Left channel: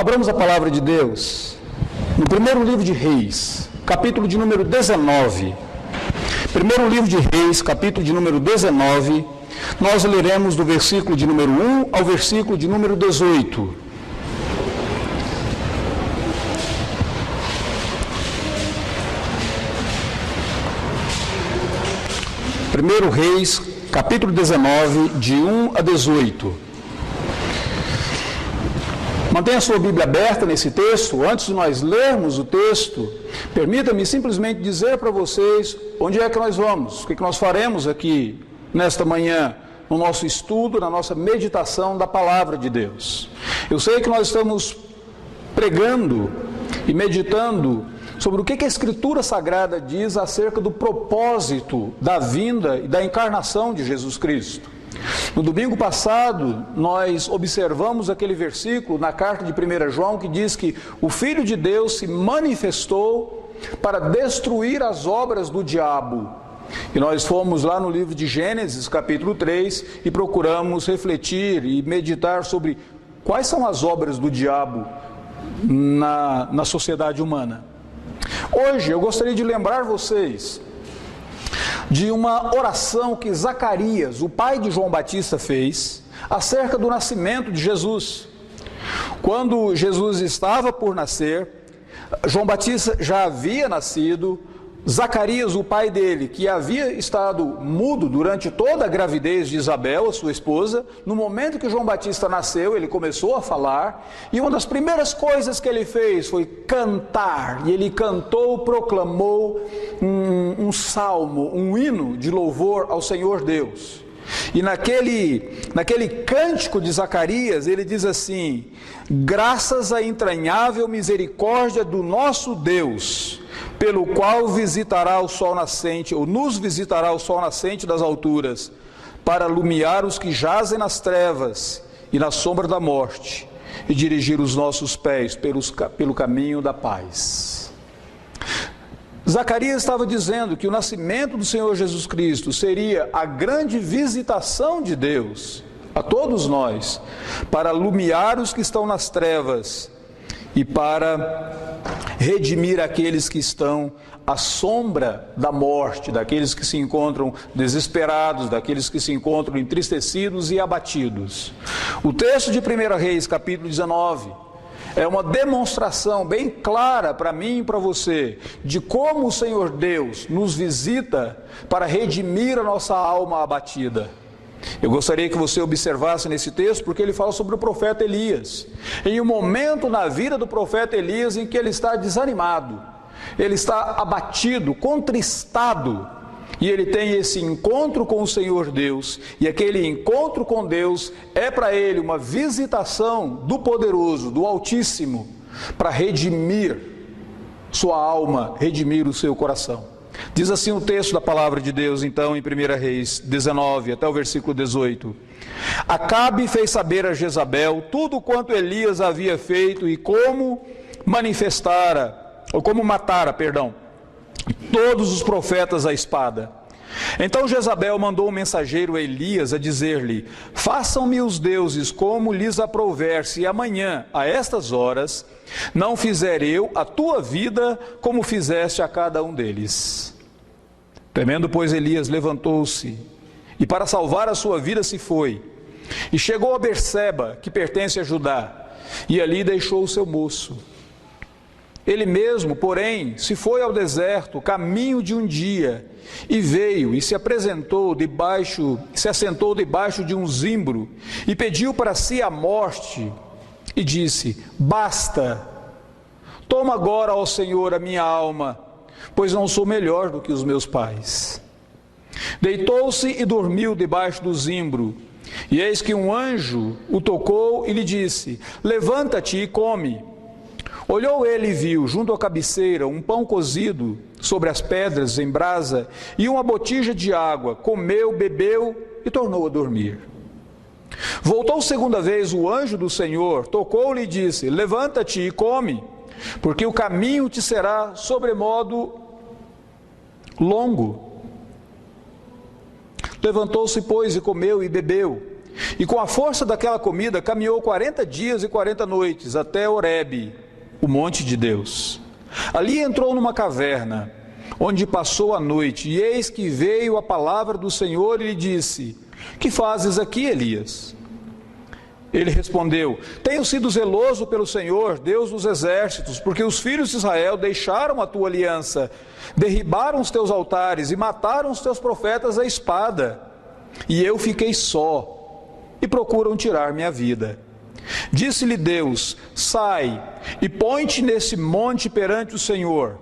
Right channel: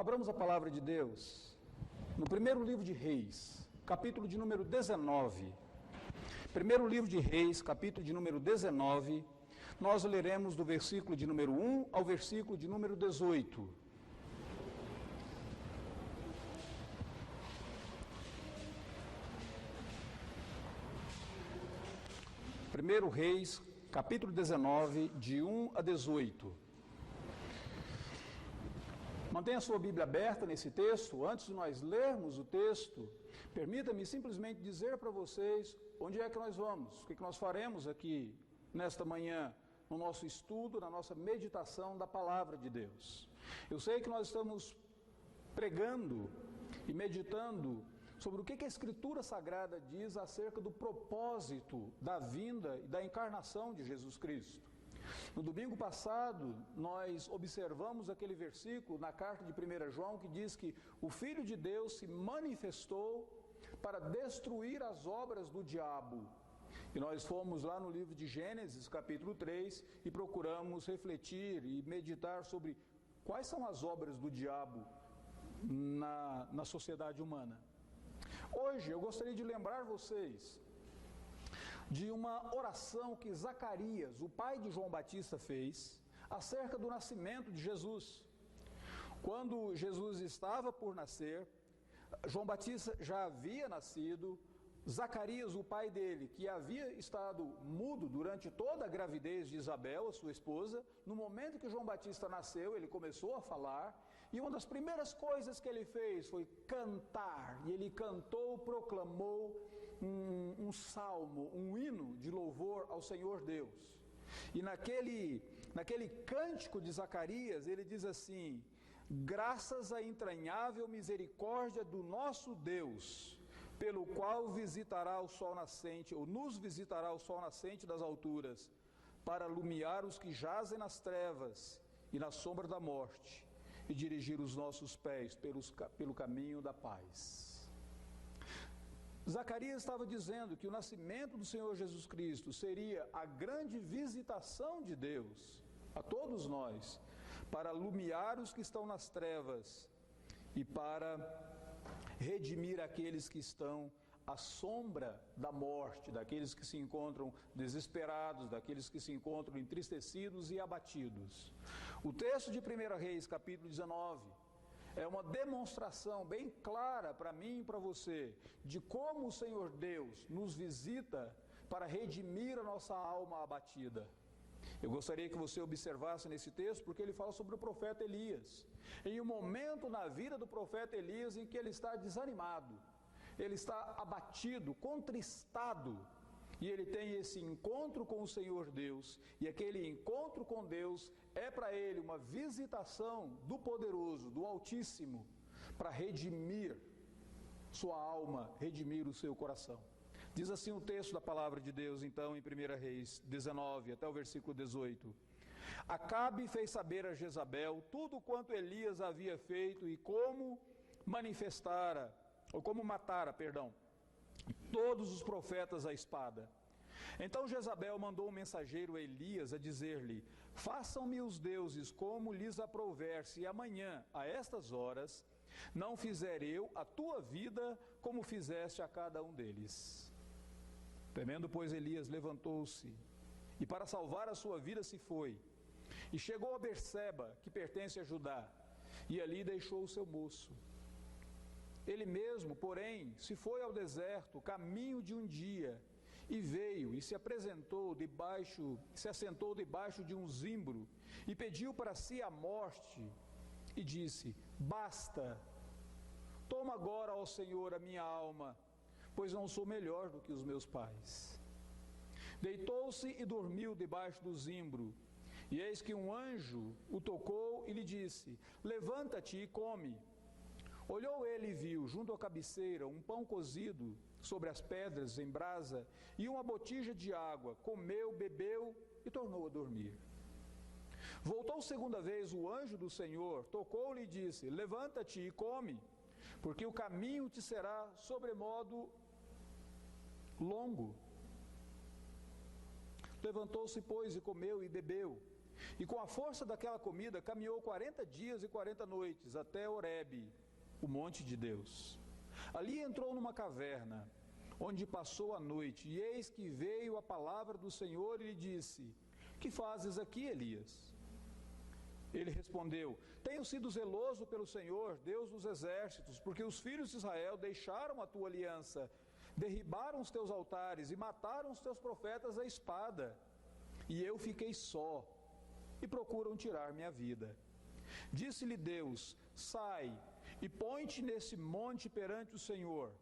Abramos a palavra de Deus no primeiro livro de Reis, capítulo de número 19. Primeiro livro de Reis, capítulo de número 19, nós leremos do versículo de número 1 ao versículo de número 18. Primeiro Reis, capítulo 19, de 1 a 18. Mantenha a sua Bíblia aberta nesse texto. Antes de nós lermos o texto, permita-me simplesmente dizer para vocês onde é que nós vamos, o que nós faremos aqui nesta manhã, no nosso estudo, na nossa meditação da Palavra de Deus. Eu sei que nós estamos pregando e meditando sobre o que a Escritura Sagrada diz acerca do propósito da vinda e da encarnação de Jesus Cristo. No domingo passado, nós observamos aquele versículo na carta de 1 João que diz que o Filho de Deus se manifestou para destruir as obras do diabo. E nós fomos lá no livro de Gênesis, capítulo 3, e procuramos refletir e meditar sobre quais são as obras do diabo na sociedade humana. Hoje eu gostaria de lembrar vocês de uma oração que Zacarias, o pai de João Batista, fez acerca do nascimento de Jesus. Quando Jesus estava por nascer, João Batista já havia nascido. Zacarias, o pai dele, que havia estado mudo durante toda a gravidez de Isabel, a sua esposa, no momento que João Batista nasceu, ele começou a falar, e uma das primeiras coisas que ele fez foi cantar, e ele cantou, proclamou um salmo, um hino de louvor ao Senhor Deus. E naquele cântico de Zacarias, ele diz assim: graças à entranhável misericórdia do nosso Deus, pelo qual visitará o sol nascente, ou nos visitará o sol nascente das alturas, para iluminar os que jazem nas trevas e na sombra da morte, e dirigir os nossos pés pelo caminho da paz. Zacarias estava dizendo que o nascimento do Senhor Jesus Cristo seria a grande visitação de Deus a todos nós, para iluminar os que estão nas trevas e para redimir aqueles que estão à sombra da morte, daqueles que se encontram desesperados, daqueles que se encontram entristecidos e abatidos. O texto de 1 Reis, capítulo 19, é uma demonstração bem clara para mim e para você de como o Senhor Deus nos visita para redimir a nossa alma abatida. Eu gostaria que você observasse nesse texto, porque ele fala sobre o profeta Elias. Em um momento na vida do profeta Elias em que ele está desanimado, ele está abatido, contristado, e ele tem esse encontro com o Senhor Deus, e aquele encontro com Deus é para ele uma visitação do Poderoso, do Altíssimo, para redimir sua alma, redimir o seu coração. Diz assim o texto da palavra de Deus, então, em 1 Reis 19, até o versículo 18. Acabe fez saber a Jezabel tudo quanto Elias havia feito e como matara, todos os profetas à espada. Então Jezabel mandou um mensageiro a Elias a dizer-lhe: façam-me os deuses como lhes aprouver, se amanhã, a estas horas, não fizer eu a tua vida como fizeste a cada um deles. Temendo, pois, Elias levantou-se e para salvar a sua vida se foi, e chegou a Berseba, que pertence a Judá, e ali deixou o seu moço. Ele mesmo, porém, se foi ao deserto, caminho de um dia, e veio e se assentou debaixo de um zimbro, e pediu para si a morte, e disse: basta, toma agora, ó Senhor, a minha alma, pois não sou melhor do que os meus pais. Deitou-se e dormiu debaixo do zimbro, e eis que um anjo o tocou e lhe disse: levanta-te e come. Olhou ele e viu, junto à cabeceira, um pão cozido sobre as pedras em brasa e uma botija de água. Comeu, bebeu e tornou a dormir. Voltou segunda vez o anjo do Senhor, tocou-lhe e disse: levanta-te e come, porque o caminho te será sobremodo longo. Levantou-se, pois, e comeu e bebeu. E com a força daquela comida, caminhou 40 dias e 40 noites até Horebe, o monte de Deus. Ali entrou numa caverna, onde passou a noite, e eis que veio a palavra do Senhor e lhe disse: que fazes aqui, Elias? Ele respondeu: tenho sido zeloso pelo Senhor, Deus dos exércitos, porque os filhos de Israel deixaram a tua aliança, derribaram os teus altares e mataram os teus profetas à espada. E eu fiquei só, e procuram tirar minha vida. Disse-lhe Deus: sai e põe-te nesse monte perante o Senhor.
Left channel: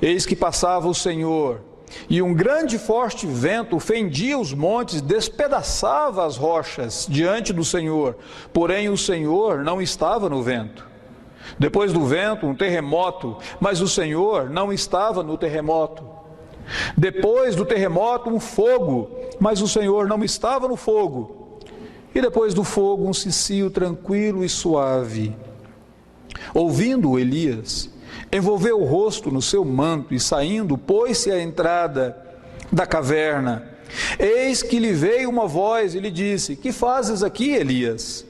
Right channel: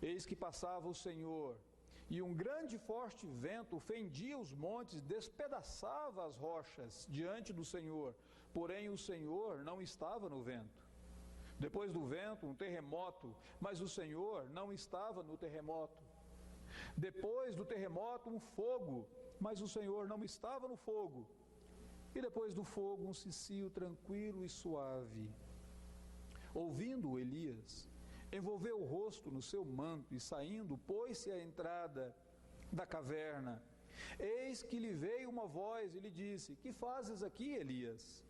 Eis que passava o Senhor, e um grande e forte vento fendia os montes, despedaçava as rochas diante do Senhor, porém o Senhor não estava no vento. Depois do vento, um terremoto, mas o Senhor não estava no terremoto. Depois do terremoto, um fogo, mas o Senhor não estava no fogo. E depois do fogo, um cicio tranquilo e suave. Ouvindo Elias, envolveu o rosto no seu manto e saindo, pôs-se à entrada da caverna. Eis que lhe veio uma voz e lhe disse: que fazes aqui, Elias?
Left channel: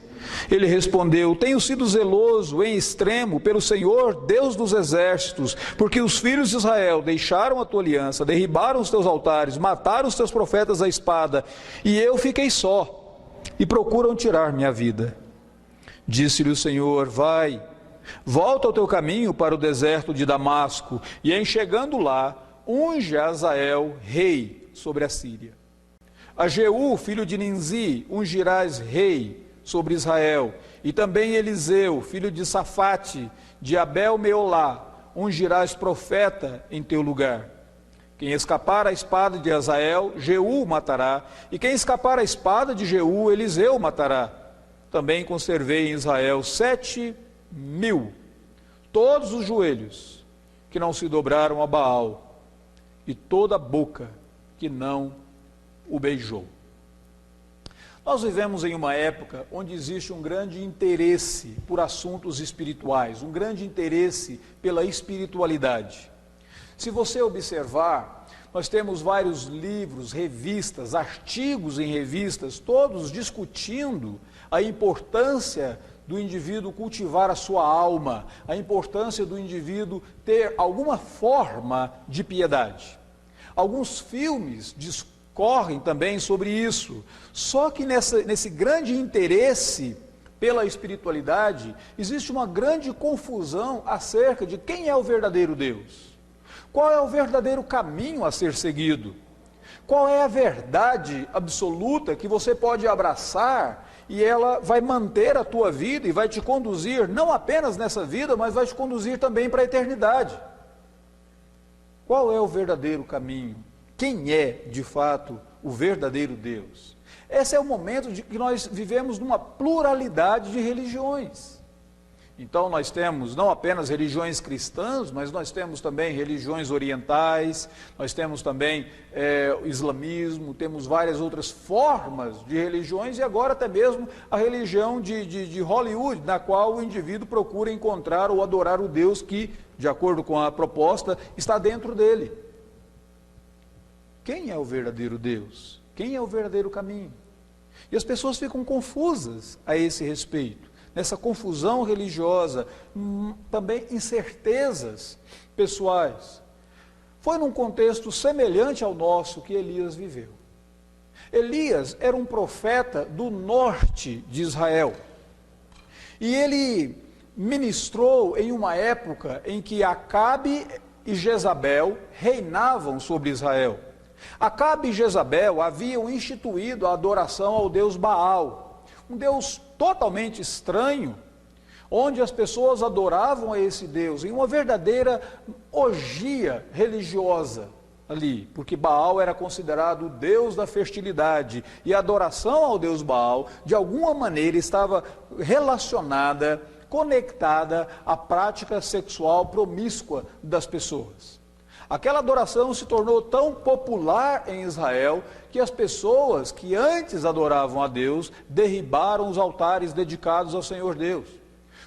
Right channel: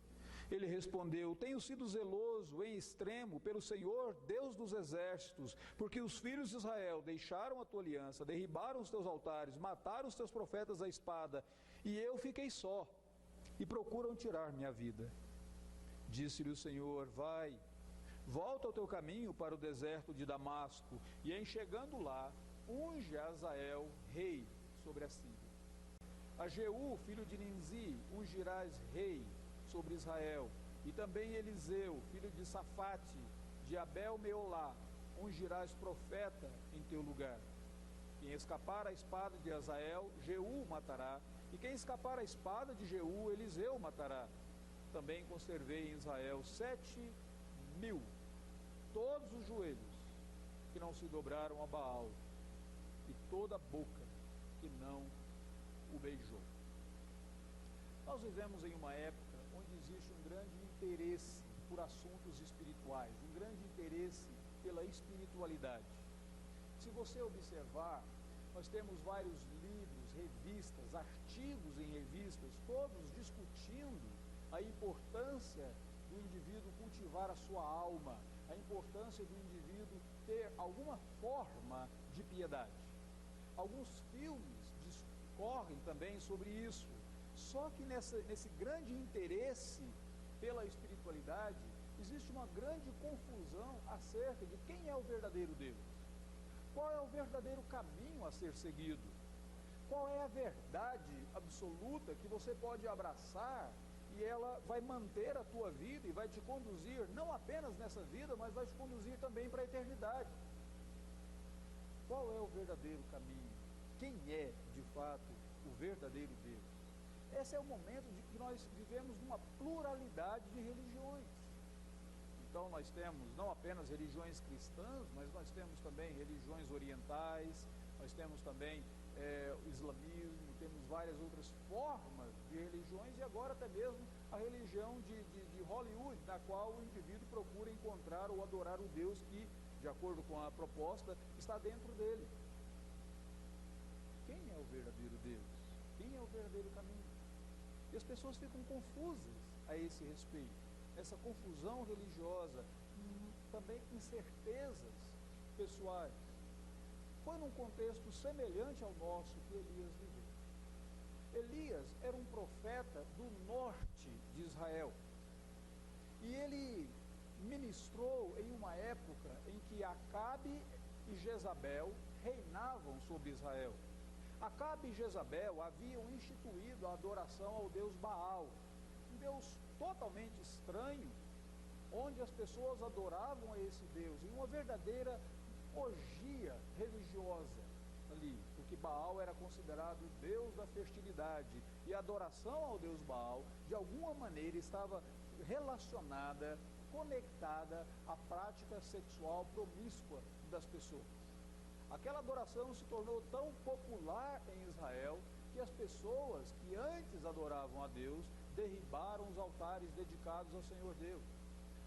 Ele respondeu: tenho sido zeloso em extremo pelo Senhor, Deus dos exércitos, porque os filhos de Israel deixaram a tua aliança, derribaram os teus altares, mataram os teus profetas à espada, e eu fiquei só, e procuram tirar minha vida. Disse-lhe o Senhor: vai, volta ao teu caminho para o deserto de Damasco, e em chegando lá, unge a Azael rei sobre a Síria. A Jeú, filho de Ninzi, ungirás rei sobre Israel, e também Eliseu, filho de Safate, de Abel-Meolá, ungirás profeta em teu lugar. Quem escapar à espada de Azael, Jeú matará, e quem escapar à espada de Jeú, Eliseu matará. Também conservei em Israel 7.000, todos os joelhos que não se dobraram a Baal, e toda a boca que não o beijou. Nós vivemos em uma época onde existe um grande interesse por assuntos espirituais, um grande interesse pela espiritualidade. Se você observar, nós temos vários livros, revistas, artigos em revistas, todos discutindo a importância do indivíduo cultivar a sua alma, a importância do indivíduo ter alguma forma de piedade. Alguns filmes discorrem também sobre isso, só que nesse grande interesse pela espiritualidade, existe uma grande confusão acerca de quem é o verdadeiro Deus. Qual é o verdadeiro caminho a ser seguido? Qual é a verdade absoluta que você pode abraçar e ela vai manter a tua vida e vai te conduzir, não apenas nessa vida, mas vai te conduzir também para a eternidade? Qual é o verdadeiro caminho? Quem é, de fato, o verdadeiro Deus? Esse é o momento de que nós vivemos numa pluralidade de religiões. Então nós temos não apenas religiões cristãs, mas nós temos também religiões orientais, nós temos também o islamismo, temos várias outras formas de religiões, e agora até mesmo a religião de Hollywood, na qual o indivíduo procura encontrar ou adorar o Deus que, de acordo com a proposta, está dentro dele. Quem é o verdadeiro Deus? Quem é o verdadeiro caminho? E as pessoas ficam confusas a esse respeito. Nessa confusão religiosa, também incertezas pessoais. Foi num contexto semelhante ao nosso que Elias viveu. Elias era um profeta do norte de Israel. E ele ministrou em uma época em que Acabe e Jezabel reinavam sobre Israel. Acabe e Jezabel haviam instituído a adoração ao deus Baal, um deus totalmente estranho, onde as pessoas adoravam a esse Deus, em uma verdadeira orgia religiosa ali, porque Baal era considerado o Deus da fertilidade, e a adoração ao Deus Baal, de alguma maneira, estava relacionada, conectada à prática sexual promíscua das pessoas. Aquela adoração se tornou tão popular em Israel que as pessoas que antes adoravam a Deus derribaram os altares dedicados ao Senhor Deus.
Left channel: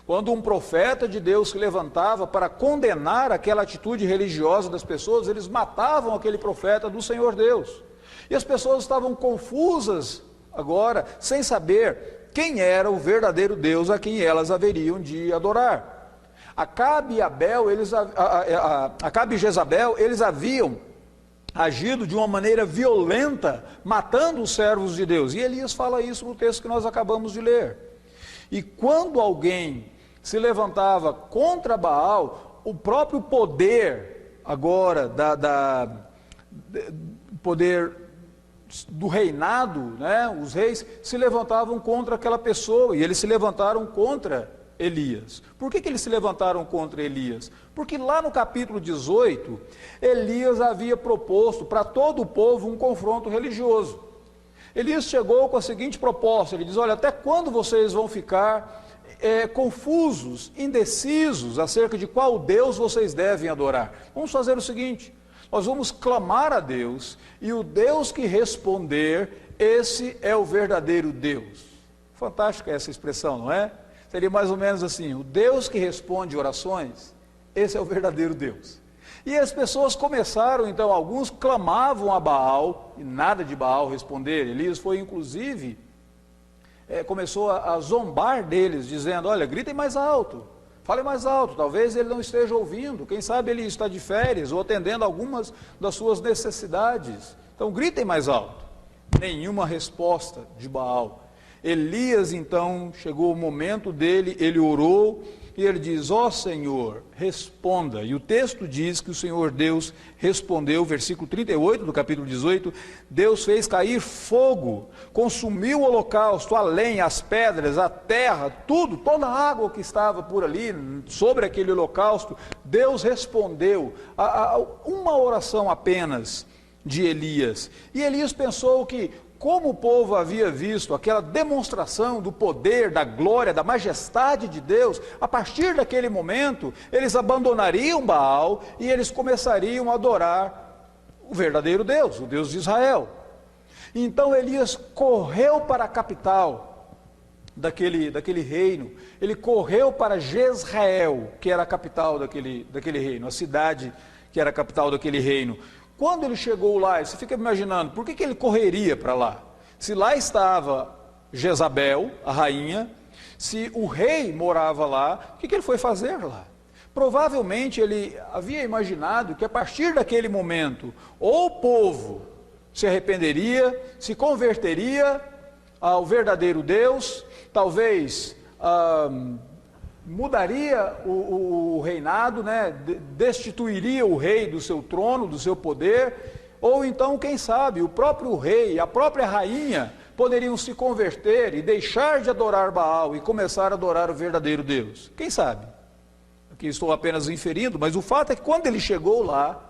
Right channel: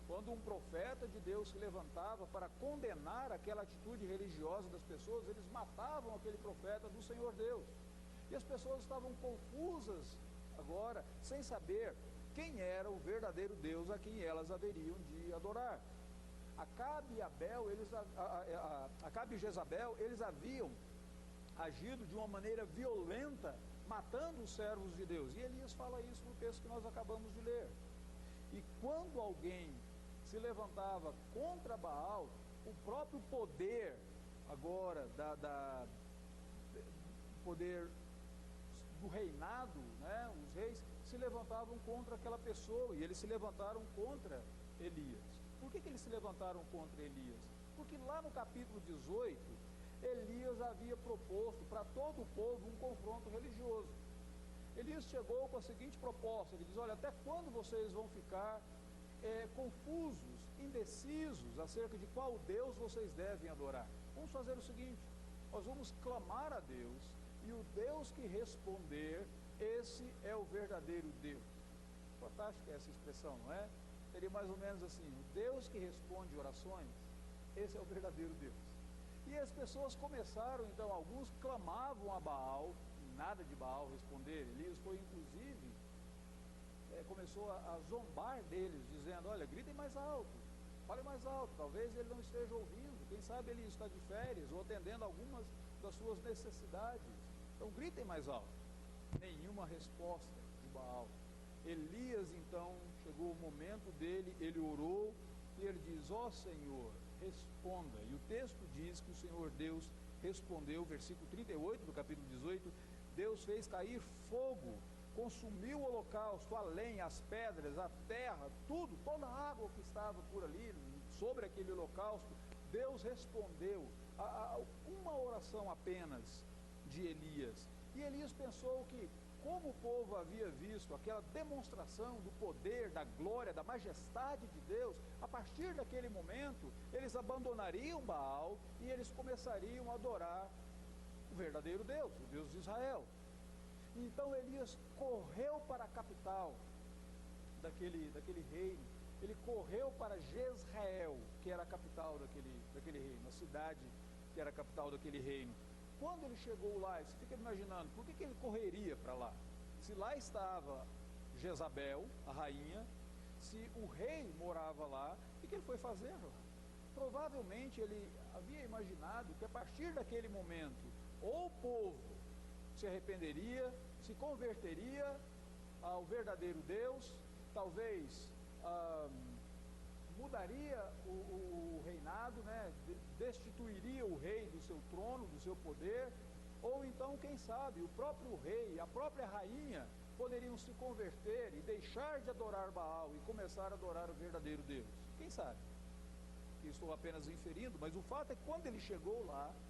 Quando um profeta de Deus se levantava para condenar aquela atitude religiosa das pessoas, eles matavam aquele profeta do Senhor Deus. E as pessoas estavam confusas agora, sem saber quem era o verdadeiro Deus a quem elas haveriam de adorar. Acabe e Jezabel, eles haviam agido de uma maneira violenta, matando os servos de Deus. E Elias fala isso no texto que nós acabamos de ler. E quando alguém se levantava contra Baal, o próprio poder agora poder do reinado, né, os reis se levantavam contra aquela pessoa, e eles se levantaram contra Elias. Por que eles se levantaram contra Elias? Porque lá no capítulo 18, Elias havia proposto para todo o povo um confronto religioso. Elias chegou com a seguinte proposta, ele diz: olha, até quando vocês vão ficar confusos, indecisos acerca de qual Deus vocês devem adorar? Vamos fazer o seguinte, nós vamos clamar a Deus, e o Deus que responder, esse é o verdadeiro Deus. Fantástica essa expressão, não é? Seria mais ou menos assim: o Deus que responde orações, esse é o verdadeiro Deus. E as pessoas começaram, então, alguns clamavam a Baal, e nada de Baal responder. Elias foi, inclusive, começou a zombar deles, dizendo: olha, gritem mais alto, falem mais alto, talvez ele não esteja ouvindo, quem sabe ele está de férias, ou atendendo algumas das suas necessidades. Então, gritem mais alto. Nenhuma resposta de Baal. Elias, então, chegou o momento dele, ele orou, e ele diz: ó Senhor, responda. E o texto diz que o Senhor Deus respondeu, versículo 38 do capítulo 18, Deus fez cair fogo, consumiu o holocausto, a lenha, as pedras, a terra, tudo, toda a água que estava por ali, sobre aquele holocausto. Deus respondeu a uma oração apenas de Elias. E Elias pensou que, como o povo havia visto aquela demonstração do poder, da glória, da majestade de Deus, a partir daquele momento, eles abandonariam Baal e eles começariam a adorar o verdadeiro Deus, o Deus de Israel. Então Elias correu para a capital daquele reino, ele correu para Jezreel, que era a capital daquele reino, a cidade que era a capital daquele reino. Quando ele chegou lá, você fica imaginando, por que ele correria para lá? Se lá estava Jezabel, a rainha, se o rei morava lá, o que ele foi fazer lá? Provavelmente ele havia imaginado que a partir daquele momento, ou o povo se arrependeria, se converteria ao verdadeiro Deus, talvez mudaria o reinado, né? Destituiria o rei do seu trono, do seu poder, ou então, quem sabe, o próprio rei, a própria rainha poderiam se converter e deixar de adorar Baal e começar a adorar o verdadeiro Deus. Quem sabe? Aqui estou apenas inferindo, mas o fato é que quando ele chegou lá,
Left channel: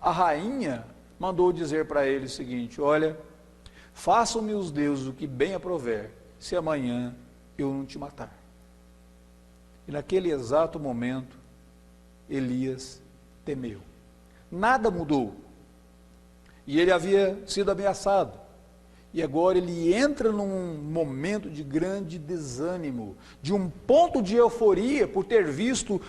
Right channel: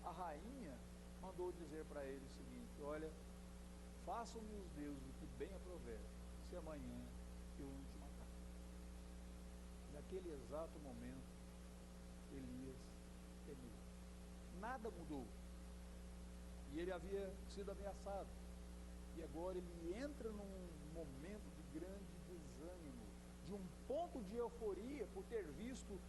a rainha mandou dizer para ele o seguinte: olha, façam-me os deuses o que bem aprover, se amanhã eu não te matar. E naquele exato momento, Elias temeu. Nada mudou. E ele havia sido ameaçado. E agora ele entra num momento de grande desânimo, de um ponto de euforia por ter visto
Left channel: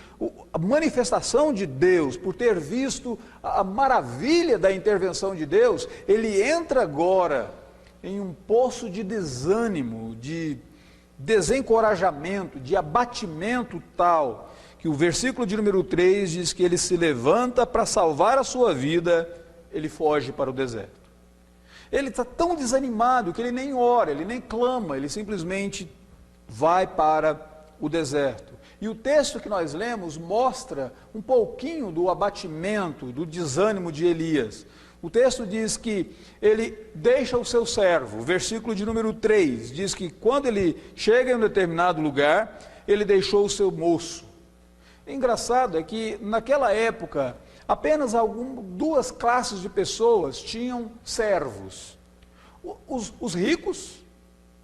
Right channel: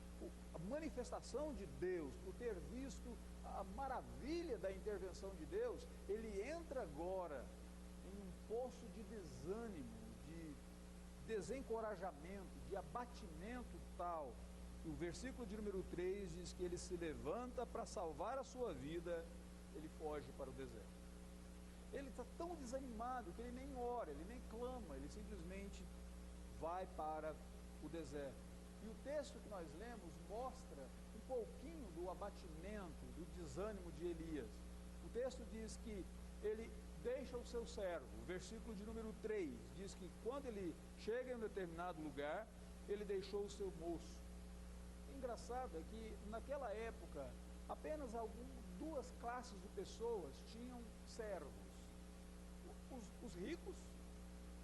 a manifestação de Deus, por ter visto a maravilha da intervenção de Deus. Ele entra agora em um poço de desânimo, de desencorajamento, de abatimento tal, que o versículo de número 3 diz que ele se levanta para salvar a sua vida, ele foge para o deserto. Ele está tão desanimado que ele nem ora, ele nem clama, ele simplesmente vai para o deserto. E o texto que nós lemos mostra um pouquinho do abatimento, do desânimo de Elias. O texto diz que ele deixa o seu servo, o versículo de número 3, diz que quando ele chega em um determinado lugar, ele deixou o seu moço. Engraçado é que naquela época, apenas duas classes de pessoas tinham servos. Os ricos,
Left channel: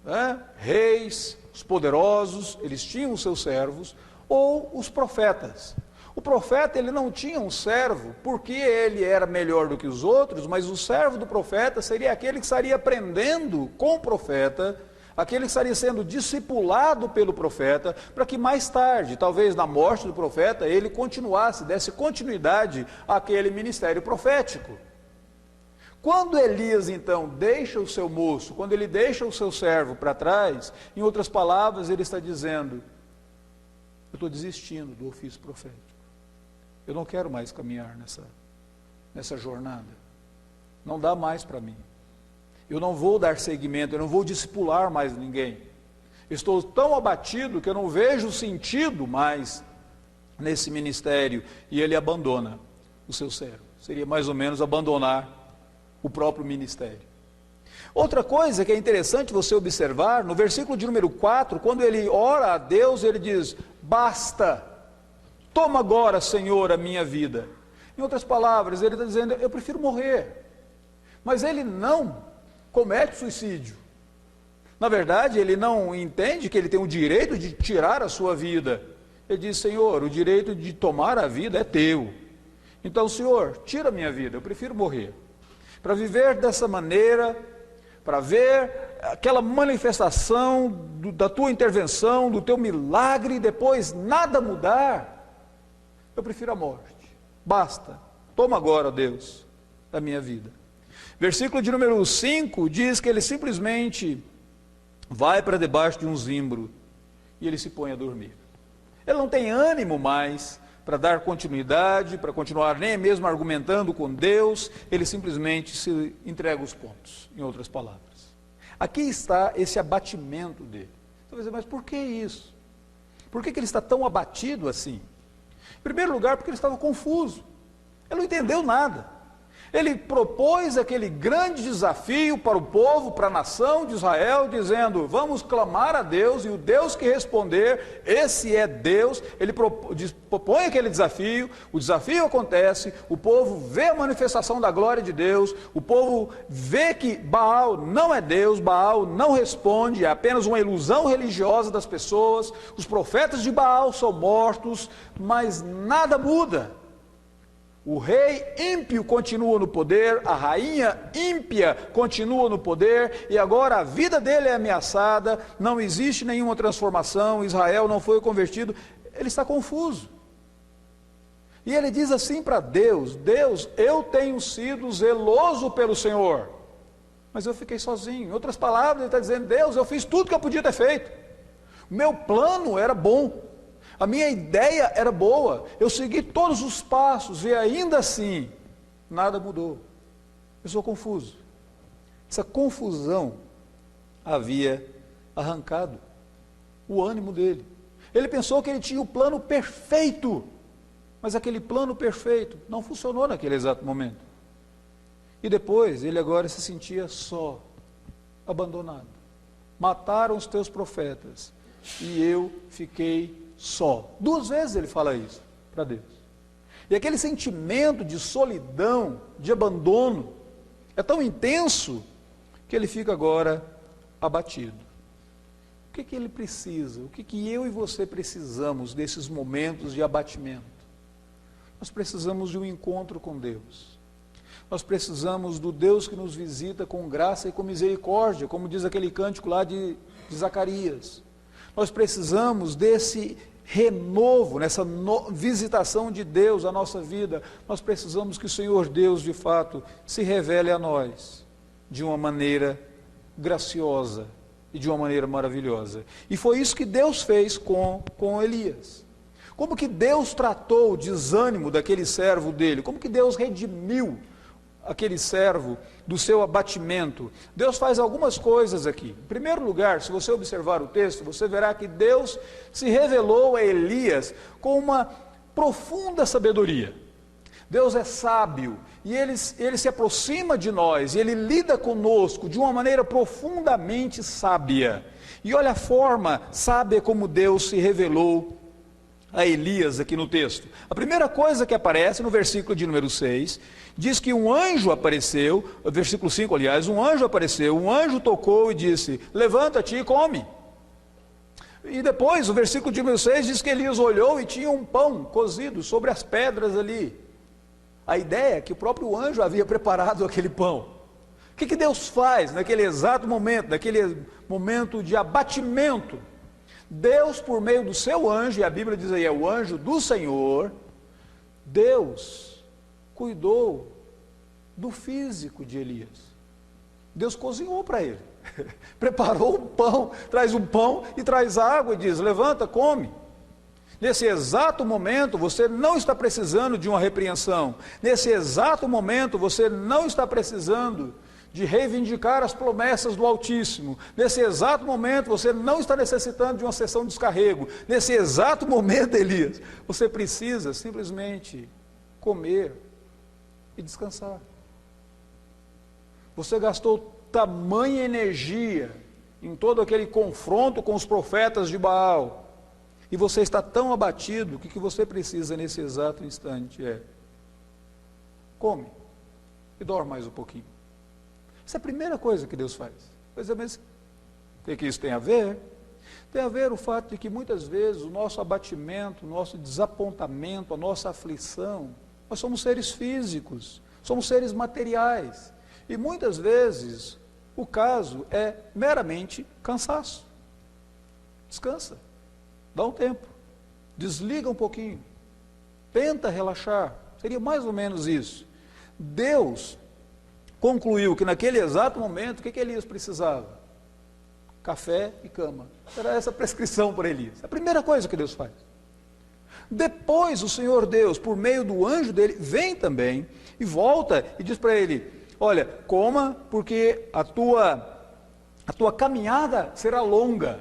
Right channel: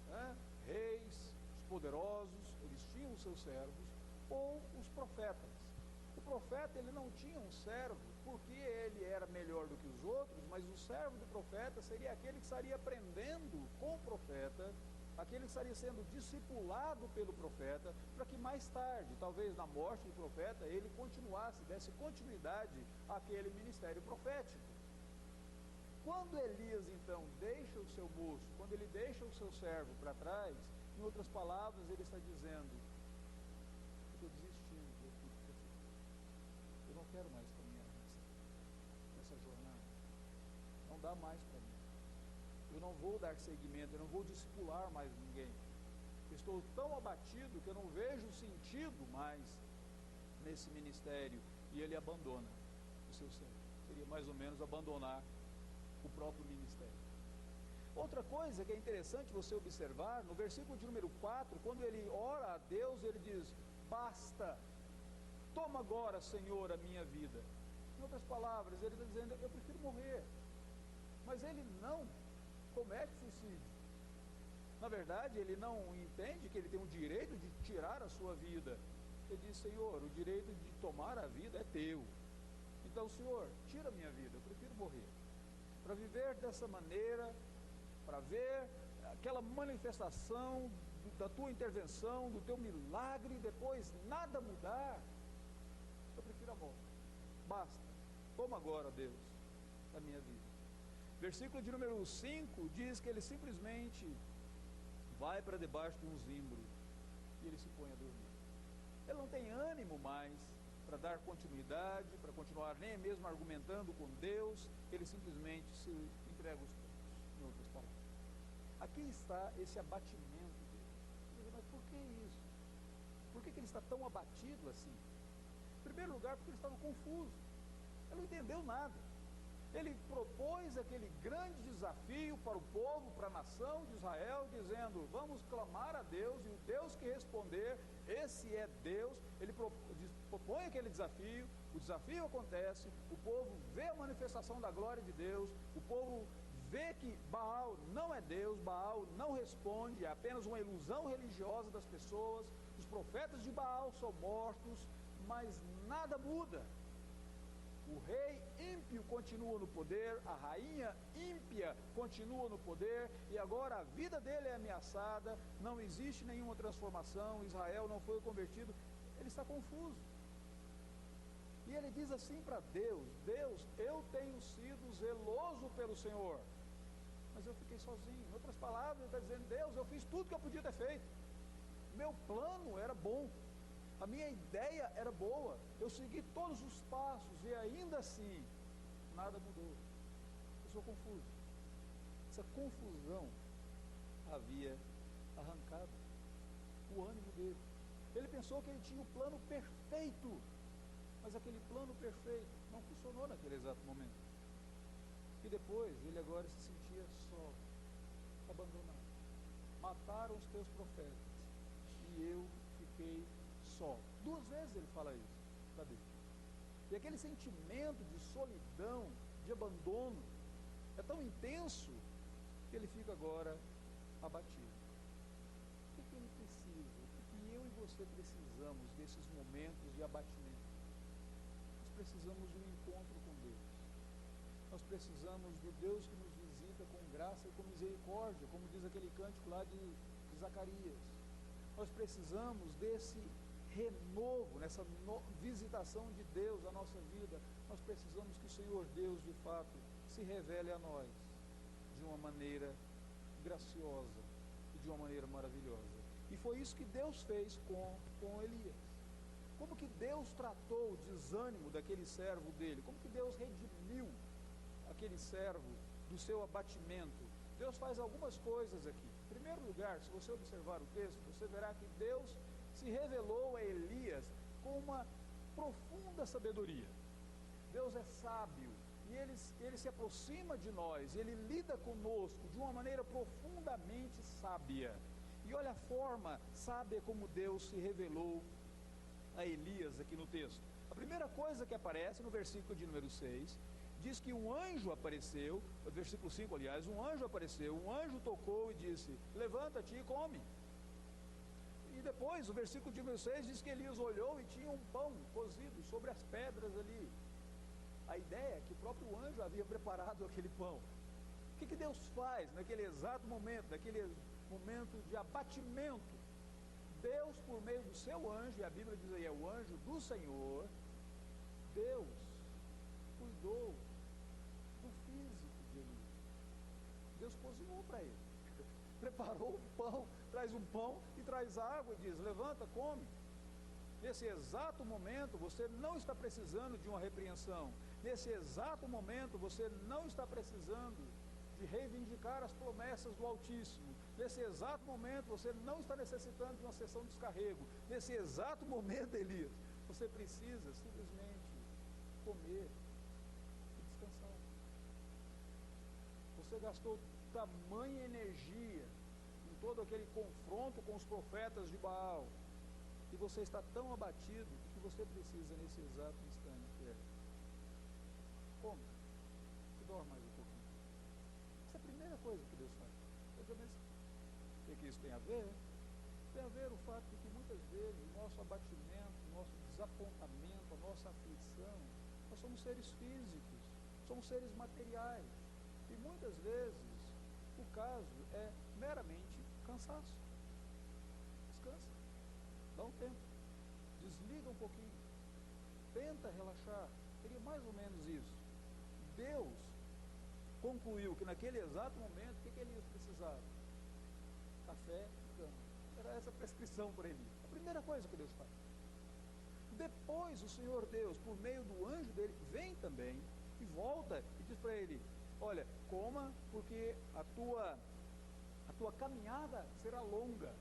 né, reis, os poderosos, eles tinham os seus servos, ou os profetas. O profeta, ele não tinha um servo porque ele era melhor do que os outros, mas o servo do profeta seria aquele que estaria aprendendo com o profeta, aquele que estaria sendo discipulado pelo profeta, para que mais tarde, talvez na morte do profeta, ele continuasse, desse continuidade àquele ministério profético. Quando Elias então deixa o seu moço, quando ele deixa o seu servo para trás, em outras palavras, ele está dizendo: eu estou desistindo do ofício profético, eu não quero mais caminhar nessa jornada, não dá mais para mim, eu não vou dar seguimento, eu não vou discipular mais ninguém, estou tão abatido que eu não vejo sentido mais nesse ministério, e ele abandona o seu servo. Seria mais ou menos abandonar o próprio ministério. Outra coisa que é interessante você observar, no versículo de número 4, quando ele ora a Deus, ele diz: basta, toma agora, Senhor, a minha vida. Em outras palavras, ele está dizendo: eu prefiro morrer. Mas ele não comete suicídio. Na verdade, ele não entende que ele tem o direito de tirar a sua vida. Ele diz: Senhor, o direito de tomar a vida é teu. Então, Senhor, tira a minha vida, eu prefiro morrer. Para viver dessa maneira, para ver aquela manifestação da tua intervenção, do teu milagre, e depois nada mudar, eu prefiro a morte. Basta, toma agora, Deus, a minha vida. Versículo de número 5 diz que ele simplesmente vai para debaixo de um zimbro e ele se põe a dormir. Ele não tem ânimo mais para dar continuidade, para continuar nem mesmo argumentando com Deus, ele simplesmente se entrega os pontos, em outras palavras. Aqui está esse abatimento dele. Você vai dizer: mas por que isso? Por que ele está tão abatido assim? Em primeiro lugar, porque ele estava confuso, ele não entendeu nada. Ele propôs aquele grande desafio para o povo, para a nação de Israel, dizendo: vamos clamar a Deus, e o Deus que responder, esse é Deus. Ele propõe aquele desafio, o desafio acontece, o povo vê a manifestação da glória de Deus, o povo vê que Baal não é Deus, Baal não responde, é apenas uma ilusão religiosa das pessoas, os profetas de Baal são mortos, mas nada muda. O rei ímpio continua no poder, a rainha ímpia continua no poder, e agora a vida dele é ameaçada, não existe nenhuma transformação, Israel não foi convertido. Ele está confuso. E ele diz assim para Deus: Deus, eu tenho sido zeloso pelo Senhor, mas eu fiquei sozinho. Em outras palavras, ele está dizendo: Deus, eu fiz tudo que eu podia ter feito, o meu plano era bom, a minha ideia era boa, eu segui todos os passos e ainda assim, nada mudou. Eu sou confuso. Essa confusão havia arrancado o ânimo dele. Ele pensou que ele tinha o plano perfeito, mas aquele plano perfeito não funcionou naquele exato momento. E depois, ele agora se sentia só, abandonado. Mataram os teus profetas e eu fiquei só. 2 vezes ele fala isso para Deus. E aquele sentimento de solidão, de abandono, é tão intenso que ele fica agora abatido. O que ele precisa? O que eu e você precisamos desses momentos de abatimento? Nós precisamos de um encontro com Deus. Nós precisamos do Deus que nos visita com graça e com misericórdia, como diz aquele cântico lá de Zacarias. Nós precisamos desse renovo, nessa visitação de Deus à nossa vida. Nós precisamos que o Senhor Deus, de fato, se revele a nós de uma maneira graciosa e de uma maneira maravilhosa. E foi isso que Deus fez com Elias. Como que Deus tratou o desânimo daquele servo dele? Como que Deus redimiu aquele servo do seu abatimento? Deus faz algumas coisas aqui. Em primeiro lugar, se você observar o texto, você verá que Deus se revelou a Elias com uma profunda sabedoria. Deus é sábio e ele se aproxima de nós, e Ele lida conosco de uma maneira profundamente sábia. E olha a forma sábia como Deus se revelou a Elias aqui no texto. A primeira coisa que aparece no versículo de número 6, diz que um anjo apareceu, versículo 5 aliás, um anjo apareceu, um anjo tocou e disse: levanta-te e come. E depois o versículo de número 6 diz que Elias olhou e tinha um pão cozido sobre as pedras ali. A ideia é que o próprio anjo havia preparado aquele pão. O que Deus faz naquele exato momento, naquele momento de abatimento? Deus, por meio do seu anjo, e a Bíblia diz aí, é o anjo do Senhor, Deus cuidou do físico de Elias. Deus cozinhou para ele, preparou o pão, traz um pão e traz água e diz: levanta, come. Nesse exato momento você não está precisando de uma repreensão, nesse exato momento você não está precisando de reivindicar as promessas do Altíssimo, nesse exato momento você não está necessitando de uma sessão de descarrego, nesse exato momento, Elias, você precisa simplesmente comer e descansar. Você gastou tamanha energia em todo aquele confronto com os profetas de Baal, e você está tão abatido, o que você precisa nesse exato instante é: come e dorme mais um pouquinho. Essa é a primeira coisa que Deus faz. Pois é, mas o que isso tem a ver? Tem a ver o fato de que muitas vezes o nosso abatimento, o nosso desapontamento, a nossa aflição, nós somos seres físicos, somos seres materiais, e muitas vezes o caso é meramente cansaço. Descansa, dá um tempo, desliga um pouquinho, tenta relaxar, seria mais ou menos isso. Deus concluiu que naquele exato momento, o que Elias precisava? Café e cama. Era essa a prescrição para Elias. É a primeira coisa que Deus faz. Depois o Senhor Deus, por meio do anjo dele, vem também e volta e diz para ele: olha, coma, porque a tua caminhada será longa.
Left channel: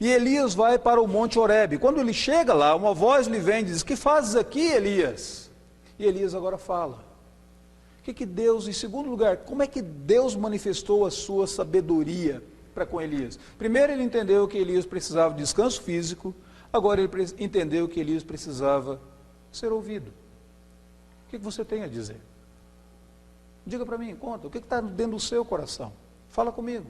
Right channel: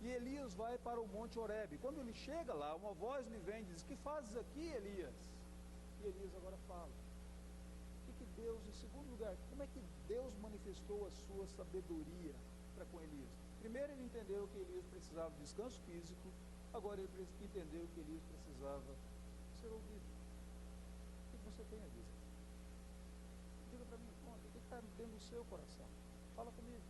E Elias vai para o Monte Horebe. Quando ele chega lá, uma voz lhe vem e diz: que fazes aqui, Elias? E Elias agora fala. O que Deus, em segundo lugar, como é que Deus manifestou a sua sabedoria para com Elias? Primeiro ele entendeu que Elias precisava de descanso físico, agora ele entendeu que Elias precisava ser ouvido. O que você tem a dizer? Diga para mim, conta, o que está dentro do seu coração? Fala comigo.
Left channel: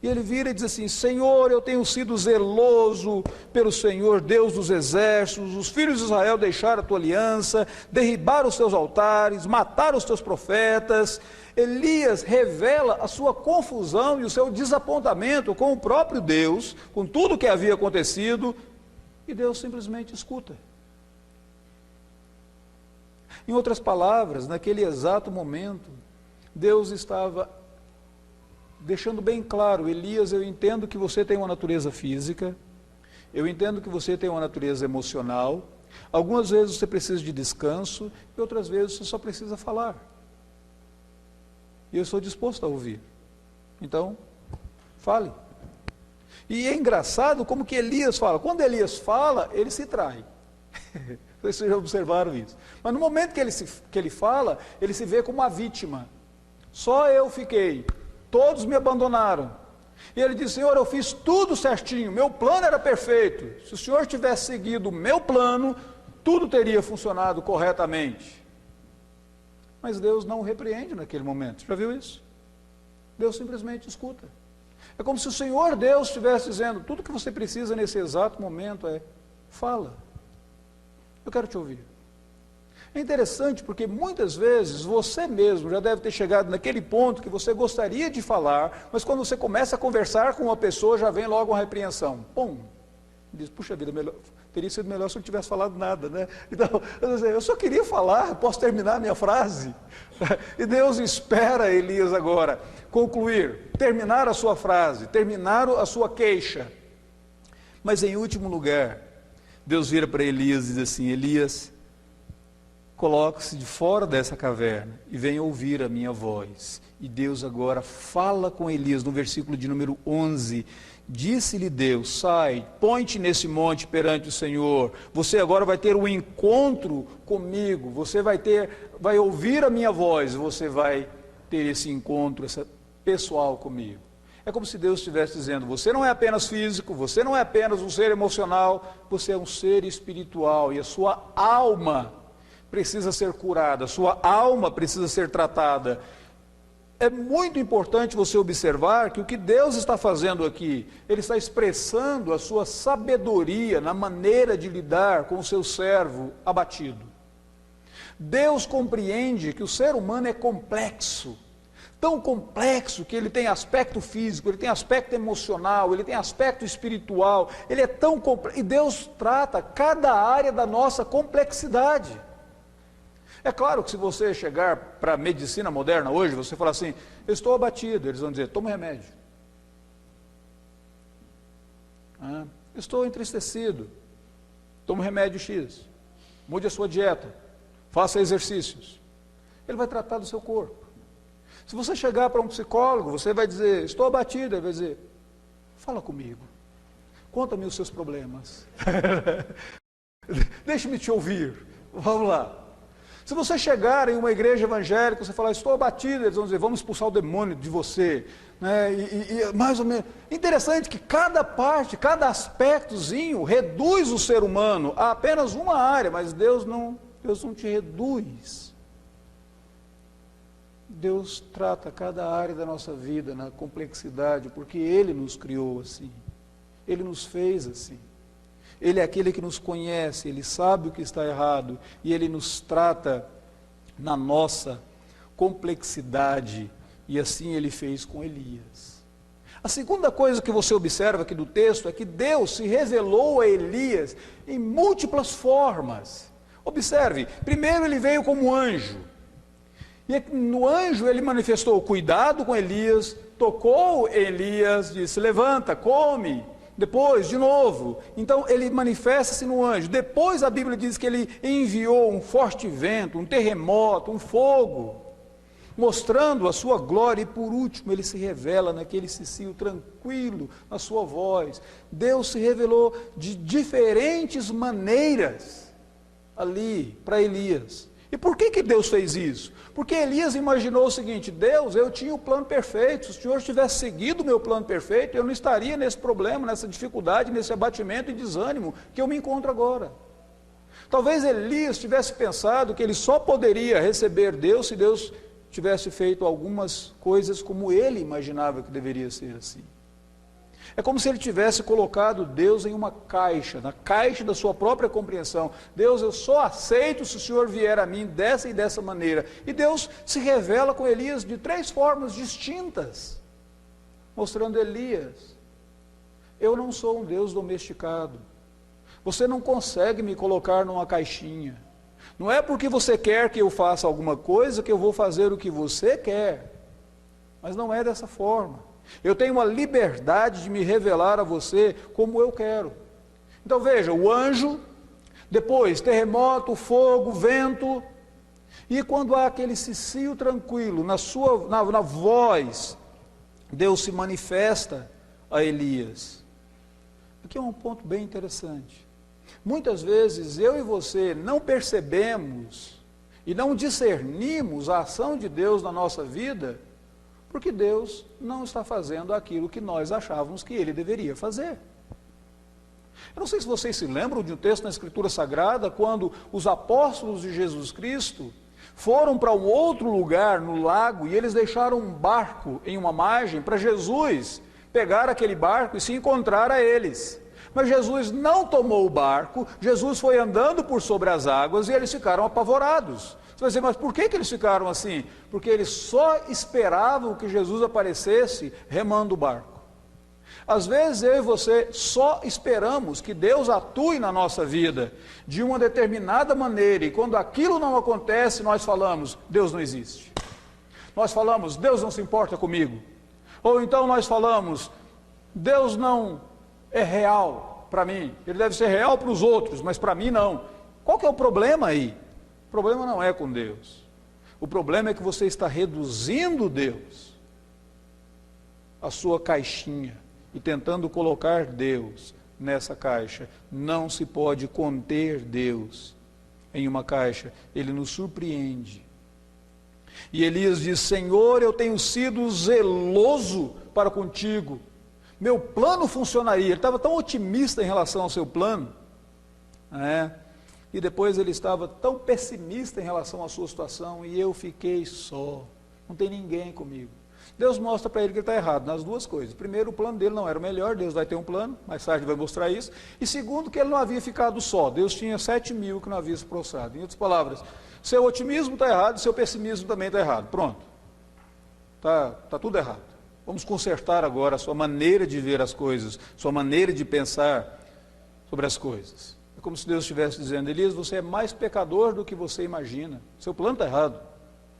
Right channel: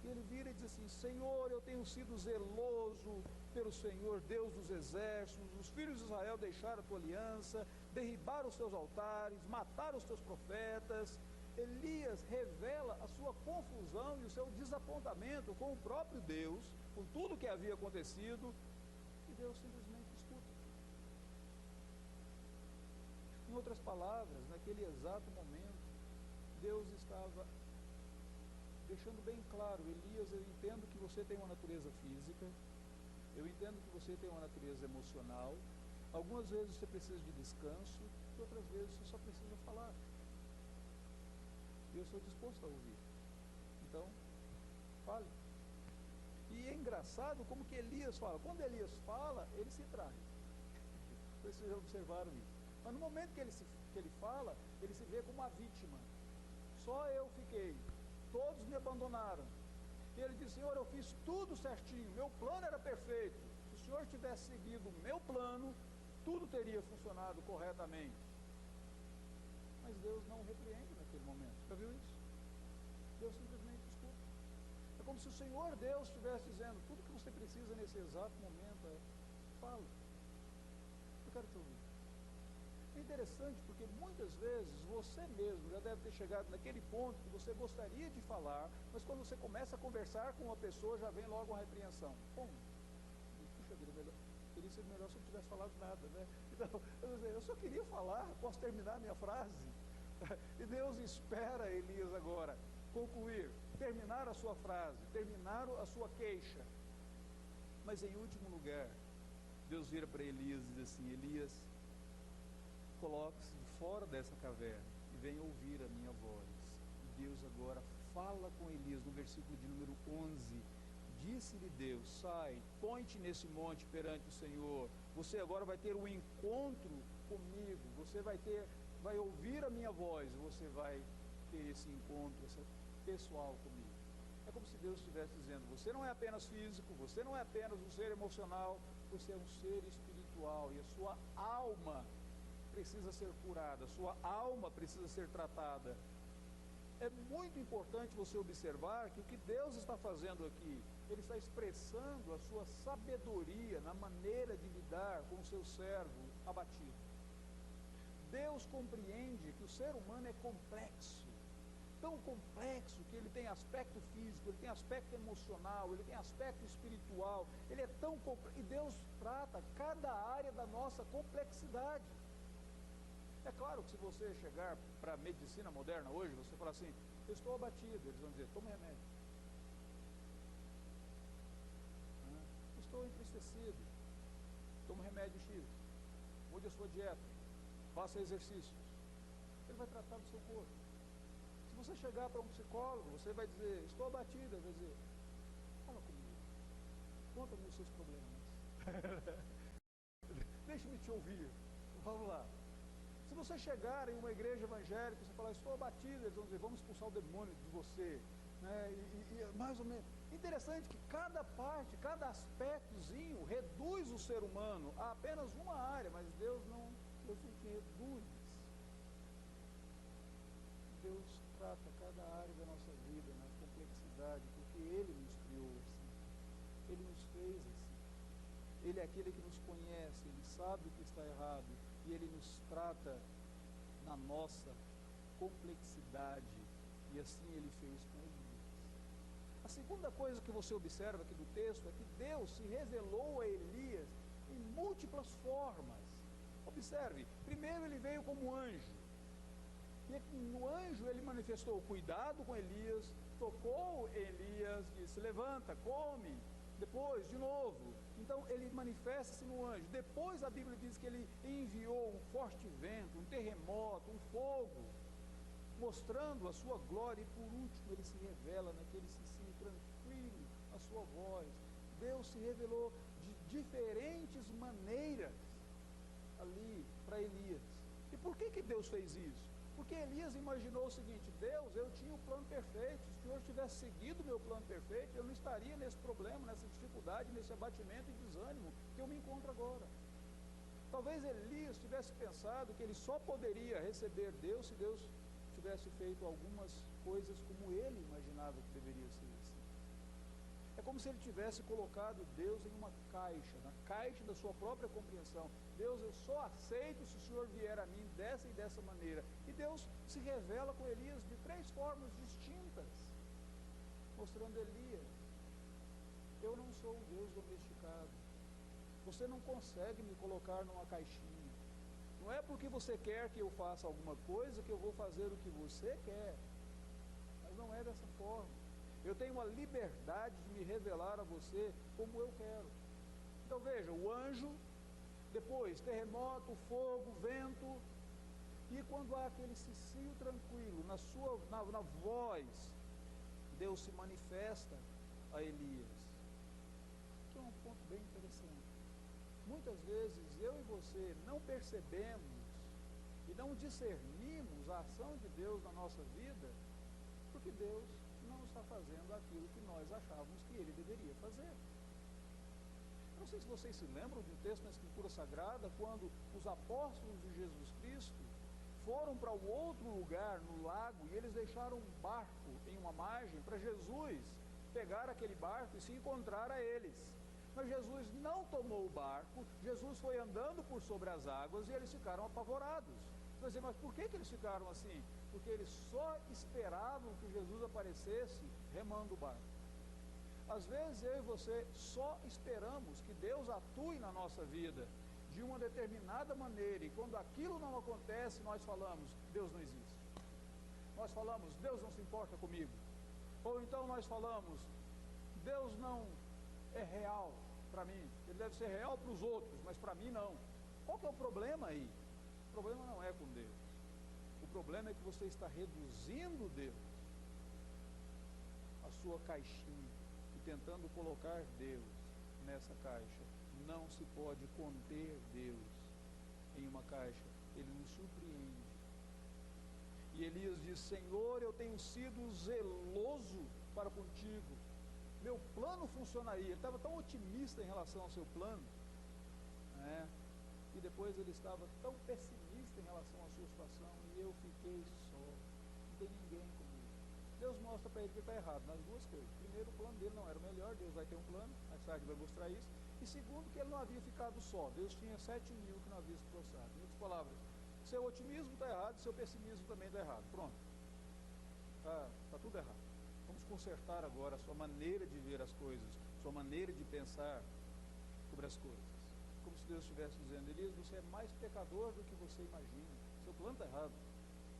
E ele vira e diz assim: Senhor, eu tenho sido zeloso pelo Senhor, Deus dos exércitos, os filhos de Israel deixaram a tua aliança, derribaram os teus altares, mataram os teus profetas. Elias revela a sua confusão e o seu desapontamento com o próprio Deus, com tudo o que havia acontecido, e Deus simplesmente escuta. Em outras palavras, naquele exato momento, Deus estava deixando bem claro: Elias, eu entendo que você tem uma natureza física, eu entendo que você tem uma natureza emocional, algumas vezes você precisa de descanso, e outras vezes você só precisa falar. E eu estou disposto a ouvir. Então, fale. E é engraçado como que Elias fala. Quando Elias fala, ele se trai. Vocês já observaram isso. Mas no momento que ele fala, ele se vê como uma vítima. Só eu fiquei. Todos me abandonaram. E ele disse: Senhor, eu fiz tudo certinho, meu plano era perfeito. Se o Senhor tivesse seguido o meu plano, tudo teria funcionado corretamente. Mas Deus não o repreende naquele momento. Você já viu isso? Deus simplesmente escuta. É como se o Senhor Deus estivesse dizendo: tudo que você precisa nesse exato momento é: fala, eu quero te ouvir. É interessante porque muitas vezes você mesmo já deve ter chegado naquele ponto que você gostaria de falar, mas quando você começa a conversar com uma pessoa, já vem logo uma repreensão. Pum! Diz: puxa vida, teria sido melhor se eu não tivesse falado nada, né? Então, eu só queria falar, posso terminar a minha frase? E Deus espera Elias agora concluir, terminar a sua frase, terminar a sua queixa. Mas em último lugar, Deus vira para Elias e diz assim: Elias, coloque-se de fora dessa caverna e venha ouvir a minha voz. E Deus agora fala com Elias no versículo de número 11. Disse-lhe Deus: sai, põe-te nesse monte perante o Senhor. Você agora vai ter um encontro comigo. Você vai ouvir a minha voz. Você vai ter esse encontro pessoal comigo. É como se Deus estivesse dizendo: você não é apenas físico, você não é apenas um ser emocional, você é um ser espiritual e a sua alma precisa ser curada, a sua alma precisa ser tratada. É muito importante você observar que o que Deus está fazendo aqui, Ele está expressando a sua sabedoria na maneira de lidar com o seu servo abatido. Deus compreende que o ser humano é complexo, tão complexo que ele tem aspecto físico, ele tem aspecto emocional, ele tem aspecto espiritual, ele é tão complexo, e Deus trata cada área da nossa complexidade. É claro que se você chegar para a medicina moderna hoje, você falar assim, eu estou abatido, eles vão dizer, toma um remédio. Estou entristecido, toma um remédio X, mude a sua dieta, faça exercícios. Ele vai tratar do seu corpo. Se você chegar para um psicólogo, você vai dizer, estou abatido, ele vai dizer, fala comigo, conta-me os seus problemas, deixe-me te ouvir, vamos lá. Se você chegar em uma igreja evangélica, você falar, estou abatido, eles vão dizer, vamos expulsar o demônio de você, né? E mais ou menos, interessante que cada parte, cada aspectozinho reduz o ser humano a apenas uma área, mas Deus não te reduz. Deus trata cada área da nossa vida na complexidade, porque Ele nos criou assim, Ele nos fez assim. Ele é aquele que nos conhece, Ele sabe o que está errado, e Ele nos trata na nossa complexidade, e assim Ele fez com Elias. A segunda coisa que você observa aqui do texto é que Deus se revelou a Elias em múltiplas formas. Observe, primeiro ele veio como anjo, e no anjo ele manifestou cuidado com Elias, tocou Elias, disse, levanta, come. Depois, de novo, então ele manifesta-se no anjo. Depois a Bíblia diz que ele enviou um forte vento, um terremoto, um fogo, mostrando a sua glória. E por último ele se revela naquele cicio tranquilo, na sua voz. Deus se revelou de diferentes maneiras ali para Elias. E por que Deus fez isso? Porque Elias imaginou o seguinte, Deus, eu tinha o plano perfeito, se o Senhor tivesse seguido o meu plano perfeito, eu não estaria nesse problema, nessa dificuldade, nesse abatimento e desânimo que eu me encontro agora. Talvez Elias tivesse pensado que ele só poderia receber Deus se Deus tivesse feito algumas coisas como ele imaginava que deveria ser assim. É como se ele tivesse colocado Deus em uma caixa, na caixa da sua própria compreensão. Deus, eu só aceito se o Senhor vier a mim dessa e dessa maneira. E Deus se revela com Elias de três formas distintas, mostrando Elias, eu não sou um Deus domesticado. Você não consegue me colocar numa caixinha. Não é porque você quer que eu faça alguma coisa que eu vou fazer o que você quer. Mas não é dessa forma. Eu tenho uma liberdade de me revelar a você como eu quero. Então veja, o anjo, depois terremoto, fogo, vento, e quando há aquele cicio tranquilo, na voz, Deus se manifesta a Elias. Aqui é um ponto bem interessante. Muitas vezes eu e você não percebemos e não discernimos a ação de Deus na nossa vida, porque Deus não está fazendo aquilo que nós achávamos que Ele deveria fazer. Eu não sei se vocês se lembram de um texto na Escritura Sagrada, quando os apóstolos de Jesus Cristo foram para um outro lugar no lago, e eles deixaram um barco em uma margem para Jesus pegar aquele barco e se encontrar a eles. Mas Jesus não tomou o barco, Jesus foi andando por sobre as águas e eles ficaram apavorados. Você vai dizer, mas por que eles ficaram assim? Porque eles só esperavam que Jesus aparecesse remando o barco. Às vezes eu e você só esperamos que Deus atue na nossa vida de uma determinada maneira, e quando aquilo não acontece, nós falamos, Deus não existe. Nós falamos, Deus não se importa comigo. Ou então nós falamos, Deus não é real para mim, Ele deve ser real para os outros, mas para mim não. Qual que é o problema aí? O problema não é com Deus. O problema é que você está reduzindo Deus à sua caixinha e tentando colocar Deus nessa caixa. Não se pode conter Deus em uma caixa. Ele nos surpreende. E Elias diz, Senhor, eu tenho sido zeloso para contigo. Meu plano funcionaria. Ele estava tão otimista em relação ao seu plano, né? E depois ele estava tão pessimista em relação à sua situação, e eu fiquei só, não tem ninguém comigo. Deus mostra para ele que ele está errado nas duas coisas. Primeiro, o plano dele não era o melhor, Deus vai ter um plano, mais tarde vai mostrar isso. E segundo, que ele não havia ficado só, Deus tinha 7.000 que não havia se prostrado. Em outras palavras, seu otimismo está errado, seu pessimismo também está errado. Pronto, está tudo errado. Vamos consertar agora a sua maneira de ver as coisas, sua maneira de pensar sobre as coisas. É como se Deus estivesse dizendo: Elias, você é mais pecador do que você imagina. Seu plano está errado.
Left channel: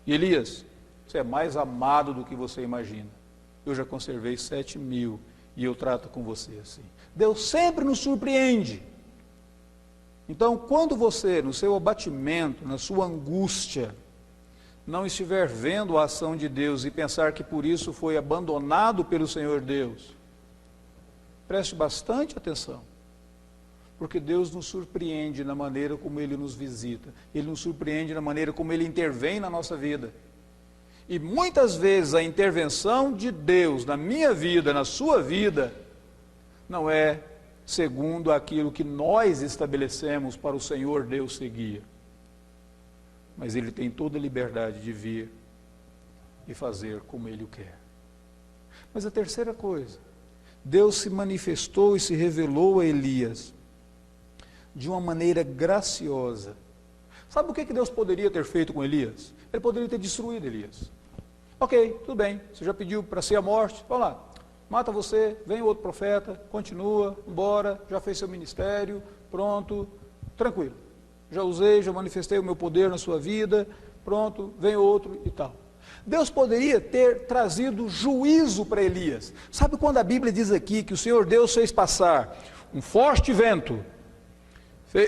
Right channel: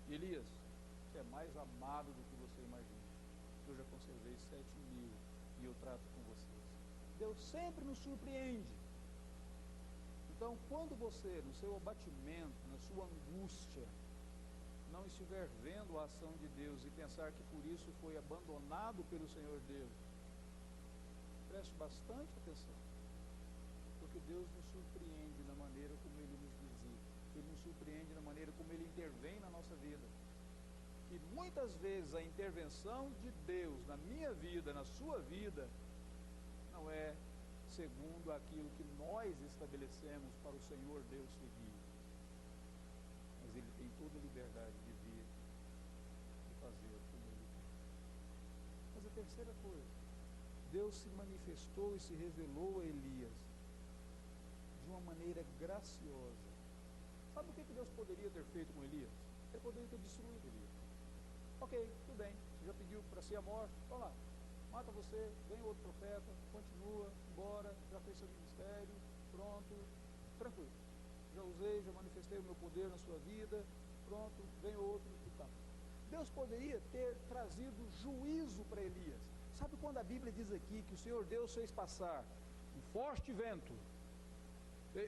E Elias, você é mais amado do que você imagina. Eu já conservei 7.000 e eu trato com você assim. Deus sempre nos surpreende. Então, quando você, no seu abatimento, na sua angústia, não estiver vendo a ação de Deus e pensar que por isso foi abandonado pelo Senhor Deus, preste bastante atenção, porque Deus nos surpreende na maneira como Ele nos visita, Ele nos surpreende na maneira como Ele intervém na nossa vida. E muitas vezes a intervenção de Deus na minha vida, na sua vida, não é segundo aquilo que nós estabelecemos para o Senhor Deus seguir. Mas Ele tem toda a liberdade de vir e fazer como Ele o quer. Mas a terceira coisa, Deus se manifestou e se revelou a Elias de uma maneira graciosa. Sabe o que Deus poderia ter feito com Elias? Ele poderia ter destruído Elias. Ok, tudo bem, você já pediu para ser a morte, vamos lá, mata você, vem outro profeta, continua, embora, já fez seu ministério, pronto, tranquilo. Já usei, já manifestei o meu poder na sua vida, pronto, vem outro e tal. Deus poderia ter trazido juízo para Elias. Sabe quando a Bíblia diz aqui que o Senhor Deus fez passar um forte vento,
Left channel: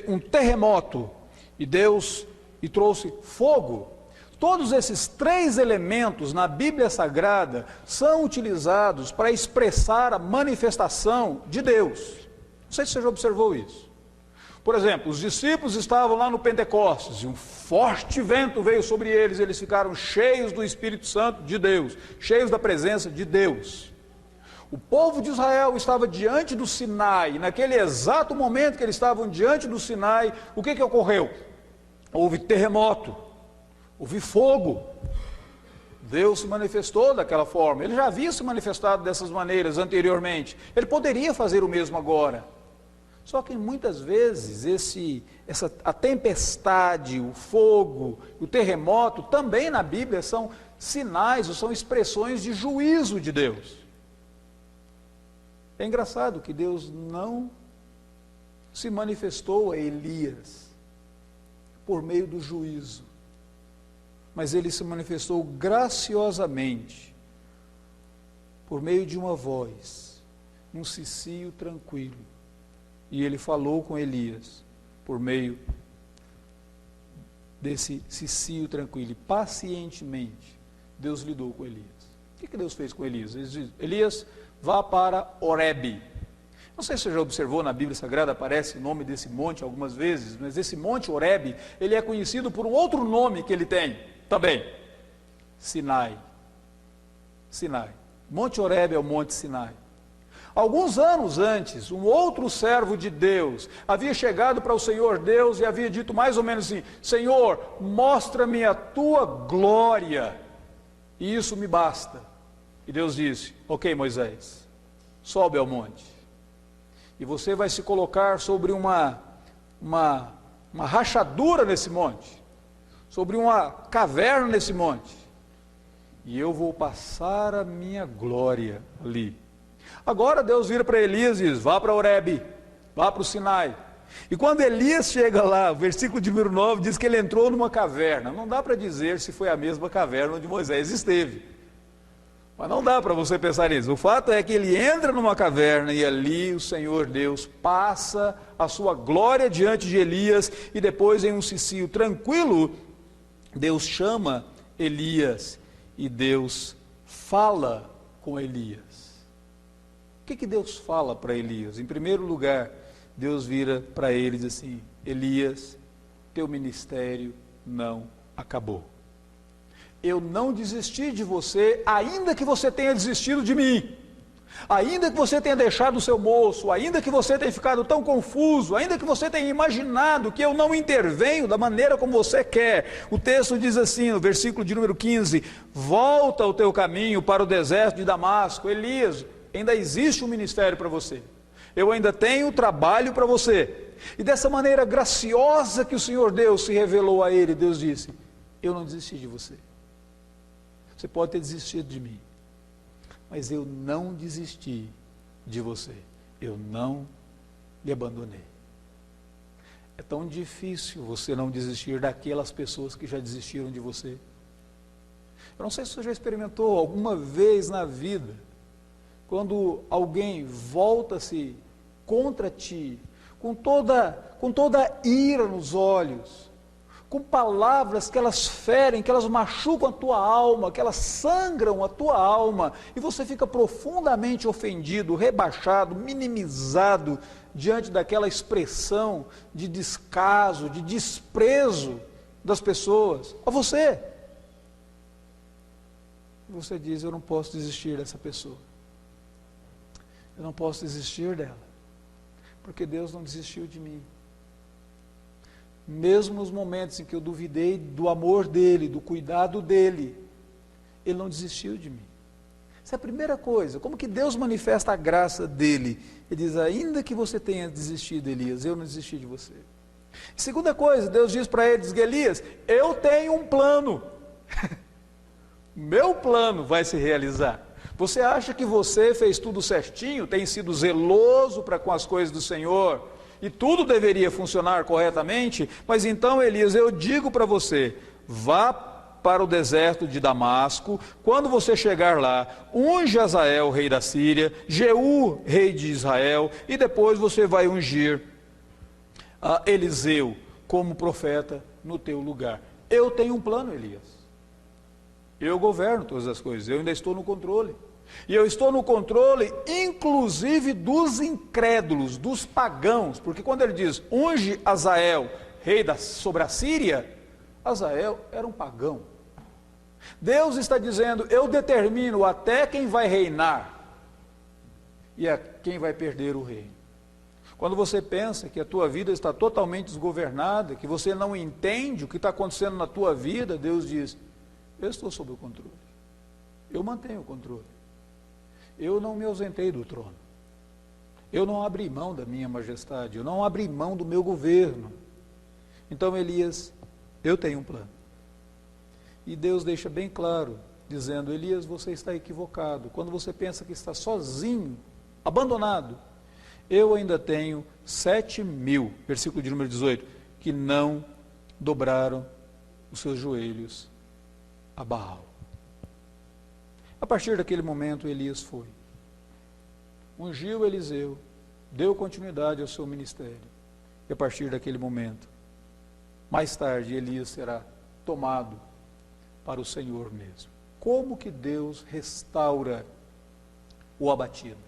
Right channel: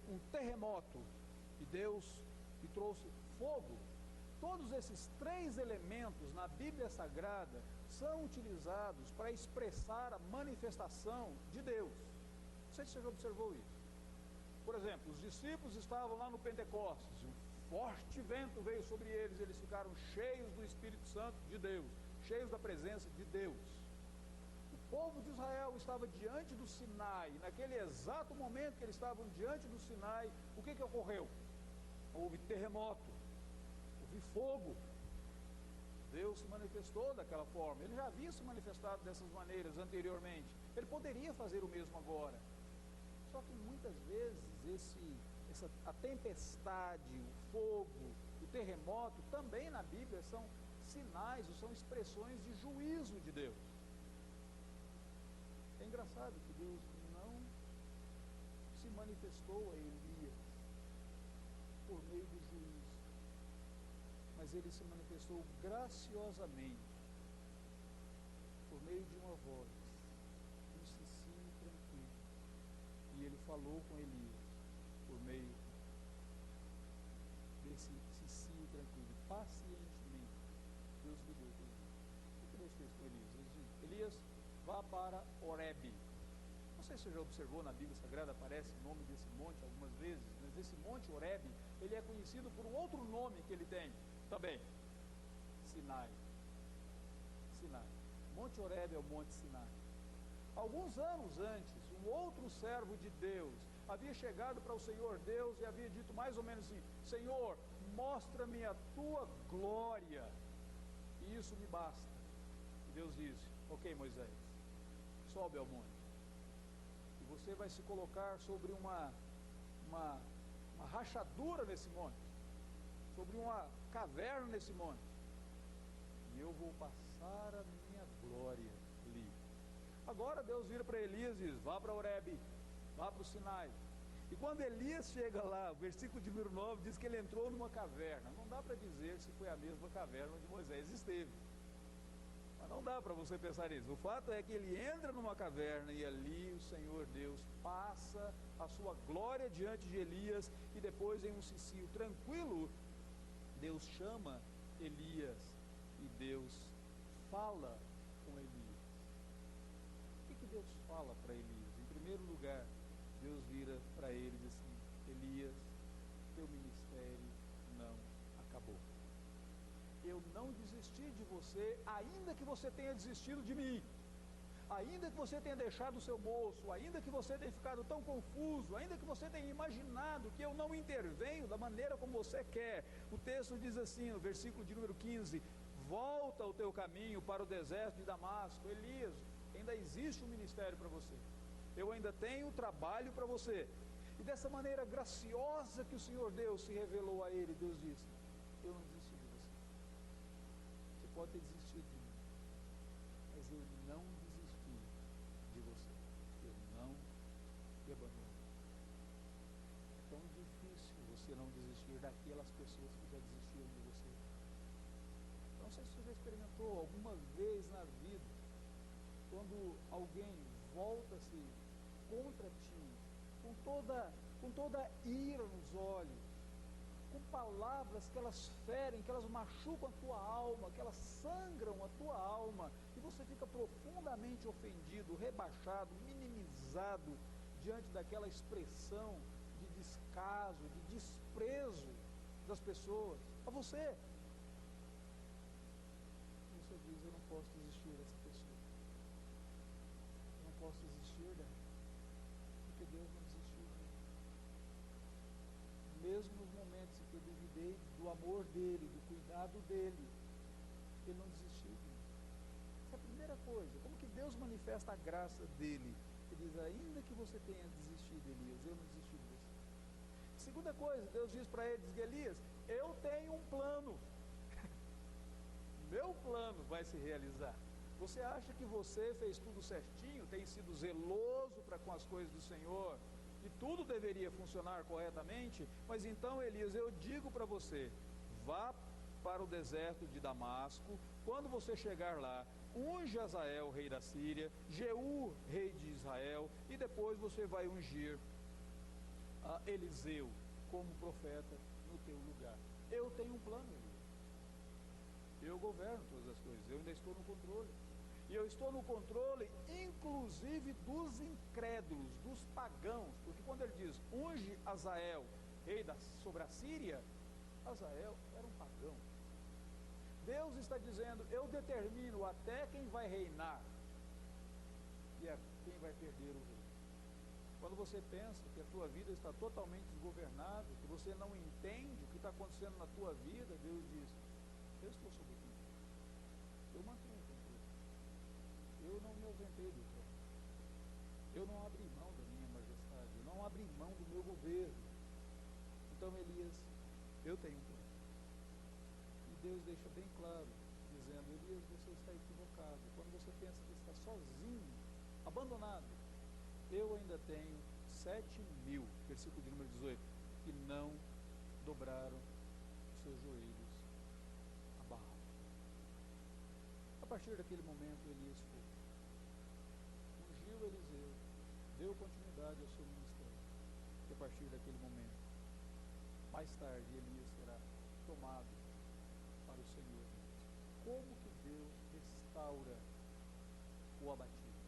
um terremoto, e trouxe fogo? Todos esses três elementos na Bíblia Sagrada são utilizados para expressar a manifestação de Deus. Não sei se você já observou isso. Por exemplo, os discípulos estavam lá no Pentecostes e um forte vento veio sobre eles, eles ficaram cheios do Espírito Santo de Deus, cheios da presença de Deus. O povo de Israel estava diante do Sinai, e naquele exato momento que eles estavam diante do Sinai, o que ocorreu? Houve terremoto, houve fogo. Deus se manifestou daquela forma, ele já havia se manifestado dessas maneiras anteriormente, ele poderia fazer o mesmo agora. Só que muitas vezes a tempestade, o fogo, o terremoto, também na Bíblia são sinais ou são expressões de juízo de Deus. É engraçado que Deus não se manifestou a Elias por meio do juízo, mas ele se manifestou graciosamente por meio de uma voz, num cicio tranquilo. E ele falou com Elias por meio desse cicio tranquilo. E pacientemente, Deus lidou com Elias. O que Deus fez com Elias? Ele diz: Elias, vá para Horebe. Não sei se você já observou, na Bíblia Sagrada aparece o nome desse monte algumas vezes, mas esse monte Horebe, ele é conhecido por um outro nome que ele tem também: Sinai. Sinai. Monte Horebe é o Monte Sinai. Alguns anos antes, um outro servo de Deus havia chegado para o Senhor Deus e havia dito mais ou menos assim: Senhor, mostra-me a tua glória, e isso me basta. E Deus disse: ok, Moisés, sobe ao monte, e você vai se colocar sobre uma rachadura nesse monte, sobre uma caverna nesse monte, e eu vou passar a minha glória ali. Agora Deus vira para Elias e diz: vá para Horebe, vá para o Sinai. E quando Elias chega lá, o versículo de número 9 diz que ele entrou numa caverna. Não dá para dizer se foi a mesma caverna onde Moisés esteve, mas não dá para você pensar nisso. O fato é que ele entra numa caverna e ali o Senhor Deus passa a sua glória diante de Elias, e depois, em um cicio tranquilo, Deus chama Elias e Deus fala com Elias. O que Deus fala para Elias? Em primeiro lugar, Deus vira para ele e diz assim: Elias, teu ministério não acabou. Eu não desisti de você, ainda que você tenha desistido de mim, ainda que você tenha deixado o seu moço, ainda que você tenha ficado tão confuso, ainda que você tenha imaginado que eu não intervenho da maneira como você quer. O texto diz assim, no versículo de número 15: volta o teu caminho para o deserto de Damasco. Elias, ainda existe um ministério para você, eu ainda tenho trabalho para você. E dessa maneira graciosa que o Senhor Deus se revelou a ele, Deus disse: eu não desisti de você. Você pode ter desistido de mim, mas eu não desisti de você, eu não lhe abandonei. É tão difícil você não desistir daquelas pessoas que já desistiram de você. Eu não sei se você já experimentou alguma vez na vida, quando alguém volta-se contra ti, com toda ira nos olhos, com palavras que elas ferem, que elas machucam a tua alma, que elas sangram a tua alma, e você fica profundamente ofendido, rebaixado, minimizado, diante daquela expressão de descaso, de desprezo das pessoas, a você. Você diz, eu não posso desistir dessa pessoa. Eu não posso desistir dela, porque Deus não desistiu de mim. Mesmo nos momentos em que eu duvidei do amor dele, do cuidado dele, ele não desistiu de mim. Essa é a primeira coisa. Como que Deus manifesta a graça dele? Ele diz, ainda que você tenha desistido, Elias, eu não desisti de você. Segunda coisa, Deus diz para ele, diz, Elias, eu tenho um plano. Meu plano vai se realizar. Você acha que você fez tudo certinho, tem sido zeloso para com as coisas do Senhor, e tudo deveria funcionar corretamente? Mas então, Elias, eu digo para você, vá para o deserto de Damasco, quando você chegar lá, unge Azael, rei da Síria, Jeú, rei de Israel, e depois você vai ungir Eliseu como profeta no teu lugar. Eu tenho um plano, Elias. Eu governo todas as coisas, eu ainda estou no controle. E eu estou no controle, inclusive dos incrédulos, dos pagãos, porque quando ele diz, unge Azael, rei sobre a Síria, Azael era um pagão. Deus está dizendo, eu determino até quem vai reinar e a quem vai perder o reino. Quando você pensa que a tua vida está totalmente desgovernada, que você não entende o que está acontecendo na tua vida, Deus diz, eu estou sob o controle, eu mantenho o controle. Eu não me ausentei do trono. Eu não abri mão da minha majestade. Eu não abri mão do meu governo. Então, Elias, eu tenho um plano. E Deus deixa bem claro, dizendo, Elias, você está equivocado. Quando você pensa que está sozinho, abandonado, eu ainda tenho 7.000, versículo de número 18, que não dobraram os seus joelhos a Baal. A partir daquele momento, Elias foi. Ungiu Eliseu, deu continuidade ao seu ministério. E a partir daquele momento, mais tarde, Elias será tomado para o Senhor mesmo. Como que Deus restaura o abatido?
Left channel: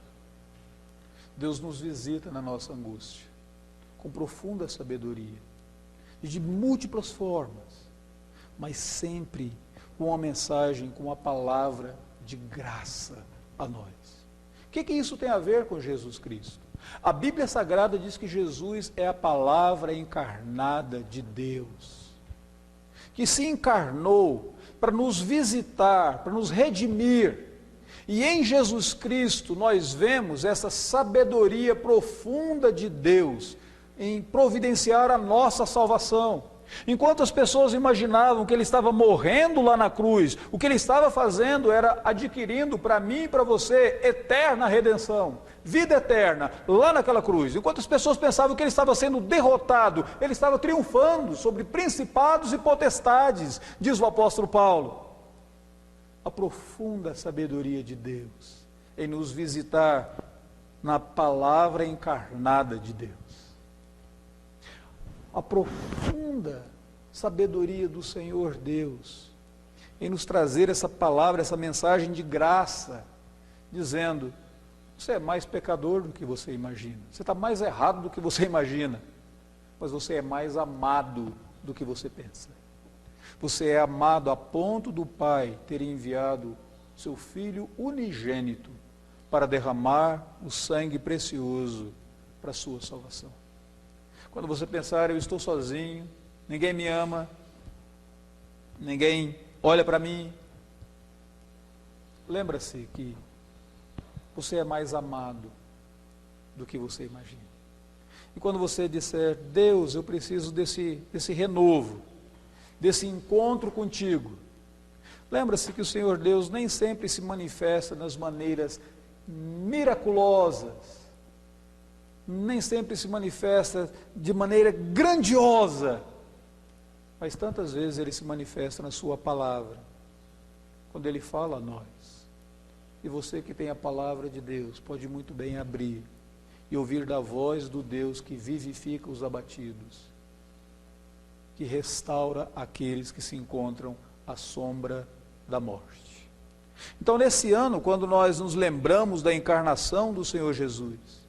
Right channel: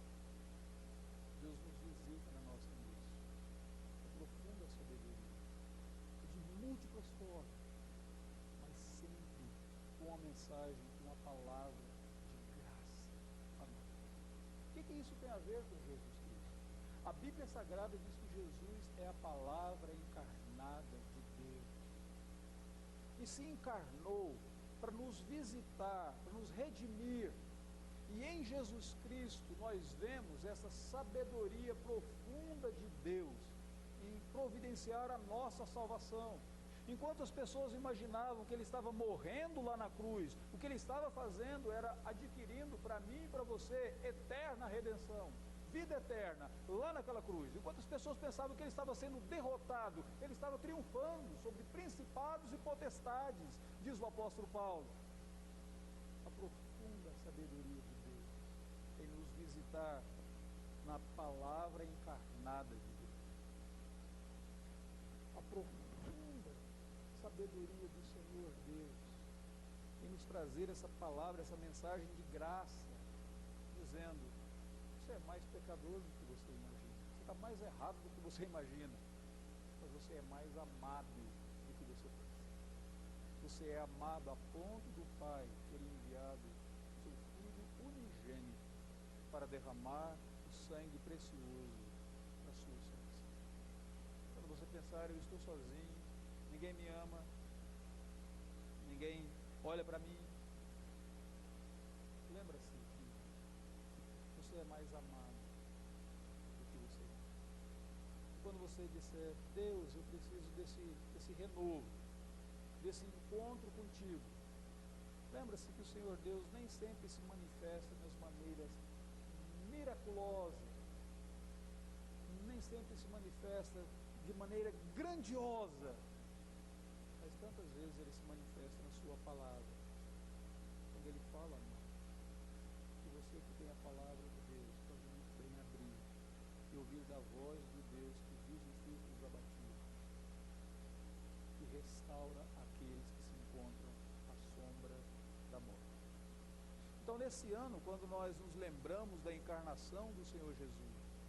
Deus nos visita na nossa angústia, com profunda sabedoria, e de múltiplas formas, mas sempre com uma mensagem, com uma palavra de graça a nós. O que isso tem a ver com Jesus Cristo? A Bíblia Sagrada diz que Jesus é a palavra encarnada de Deus, que se encarnou para nos visitar, para nos redimir, e em Jesus Cristo nós vemos essa sabedoria profunda de Deus em providenciar a nossa salvação. Enquanto as pessoas imaginavam que ele estava morrendo lá na cruz, o que ele estava fazendo era adquirindo para mim e para você eterna redenção, vida eterna, lá naquela cruz. Enquanto as pessoas pensavam que ele estava sendo derrotado, ele estava triunfando sobre principados e potestades, diz o apóstolo Paulo. A profunda sabedoria de Deus em nos visitar na palavra encarnada de Deus. A profunda sabedoria do Senhor Deus em nos trazer essa palavra, essa mensagem de graça, dizendo, você é mais pecador do que você imagina, você está mais errado do que você imagina, mas você é mais amado do que você pensa. Você é amado a ponto do Pai ter enviado seu Filho unigênito para derramar o sangue precioso para a sua salvação. Quando você pensar, eu estou sozinho, ninguém me ama, ninguém olha para mim, lembra-se que você é mais amado do que você imagina. E quando você disser, Deus, eu preciso desse renovo, desse encontro contigo, lembra-se que o Senhor Deus nem sempre se manifesta nas maneiras miraculosas, nem sempre se manifesta de maneira grandiosa, mas tantas vezes ele se manifesta na sua palavra, quando ele fala a nós. E você que tem a palavra de Deus, pode muito bem abrir e ouvir da voz do Deus que vivifica os abatidos, que restaura aqueles que se encontram à sombra da morte. Então, nesse ano, quando nós nos lembramos da encarnação do Senhor Jesus,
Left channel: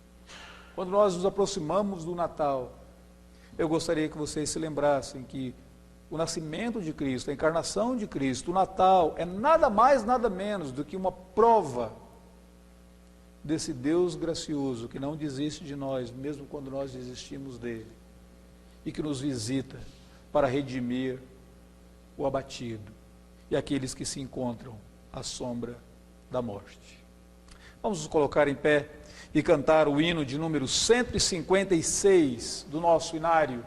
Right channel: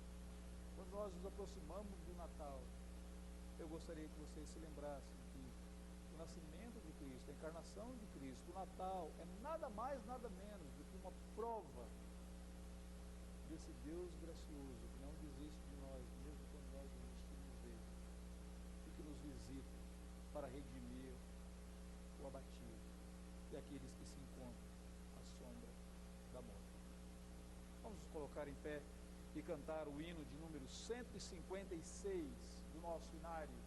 quando nós nos aproximamos do Natal, eu gostaria que vocês se lembrassem que o nascimento de Cristo, a encarnação de Cristo, o Natal, é nada mais, nada menos do que uma prova desse Deus gracioso, que não desiste de nós, mesmo quando nós desistimos dele, e que nos visita para redimir o abatido e aqueles que se encontram à sombra da morte. Vamos nos colocar em pé e cantar o hino de número 156 do nosso inário.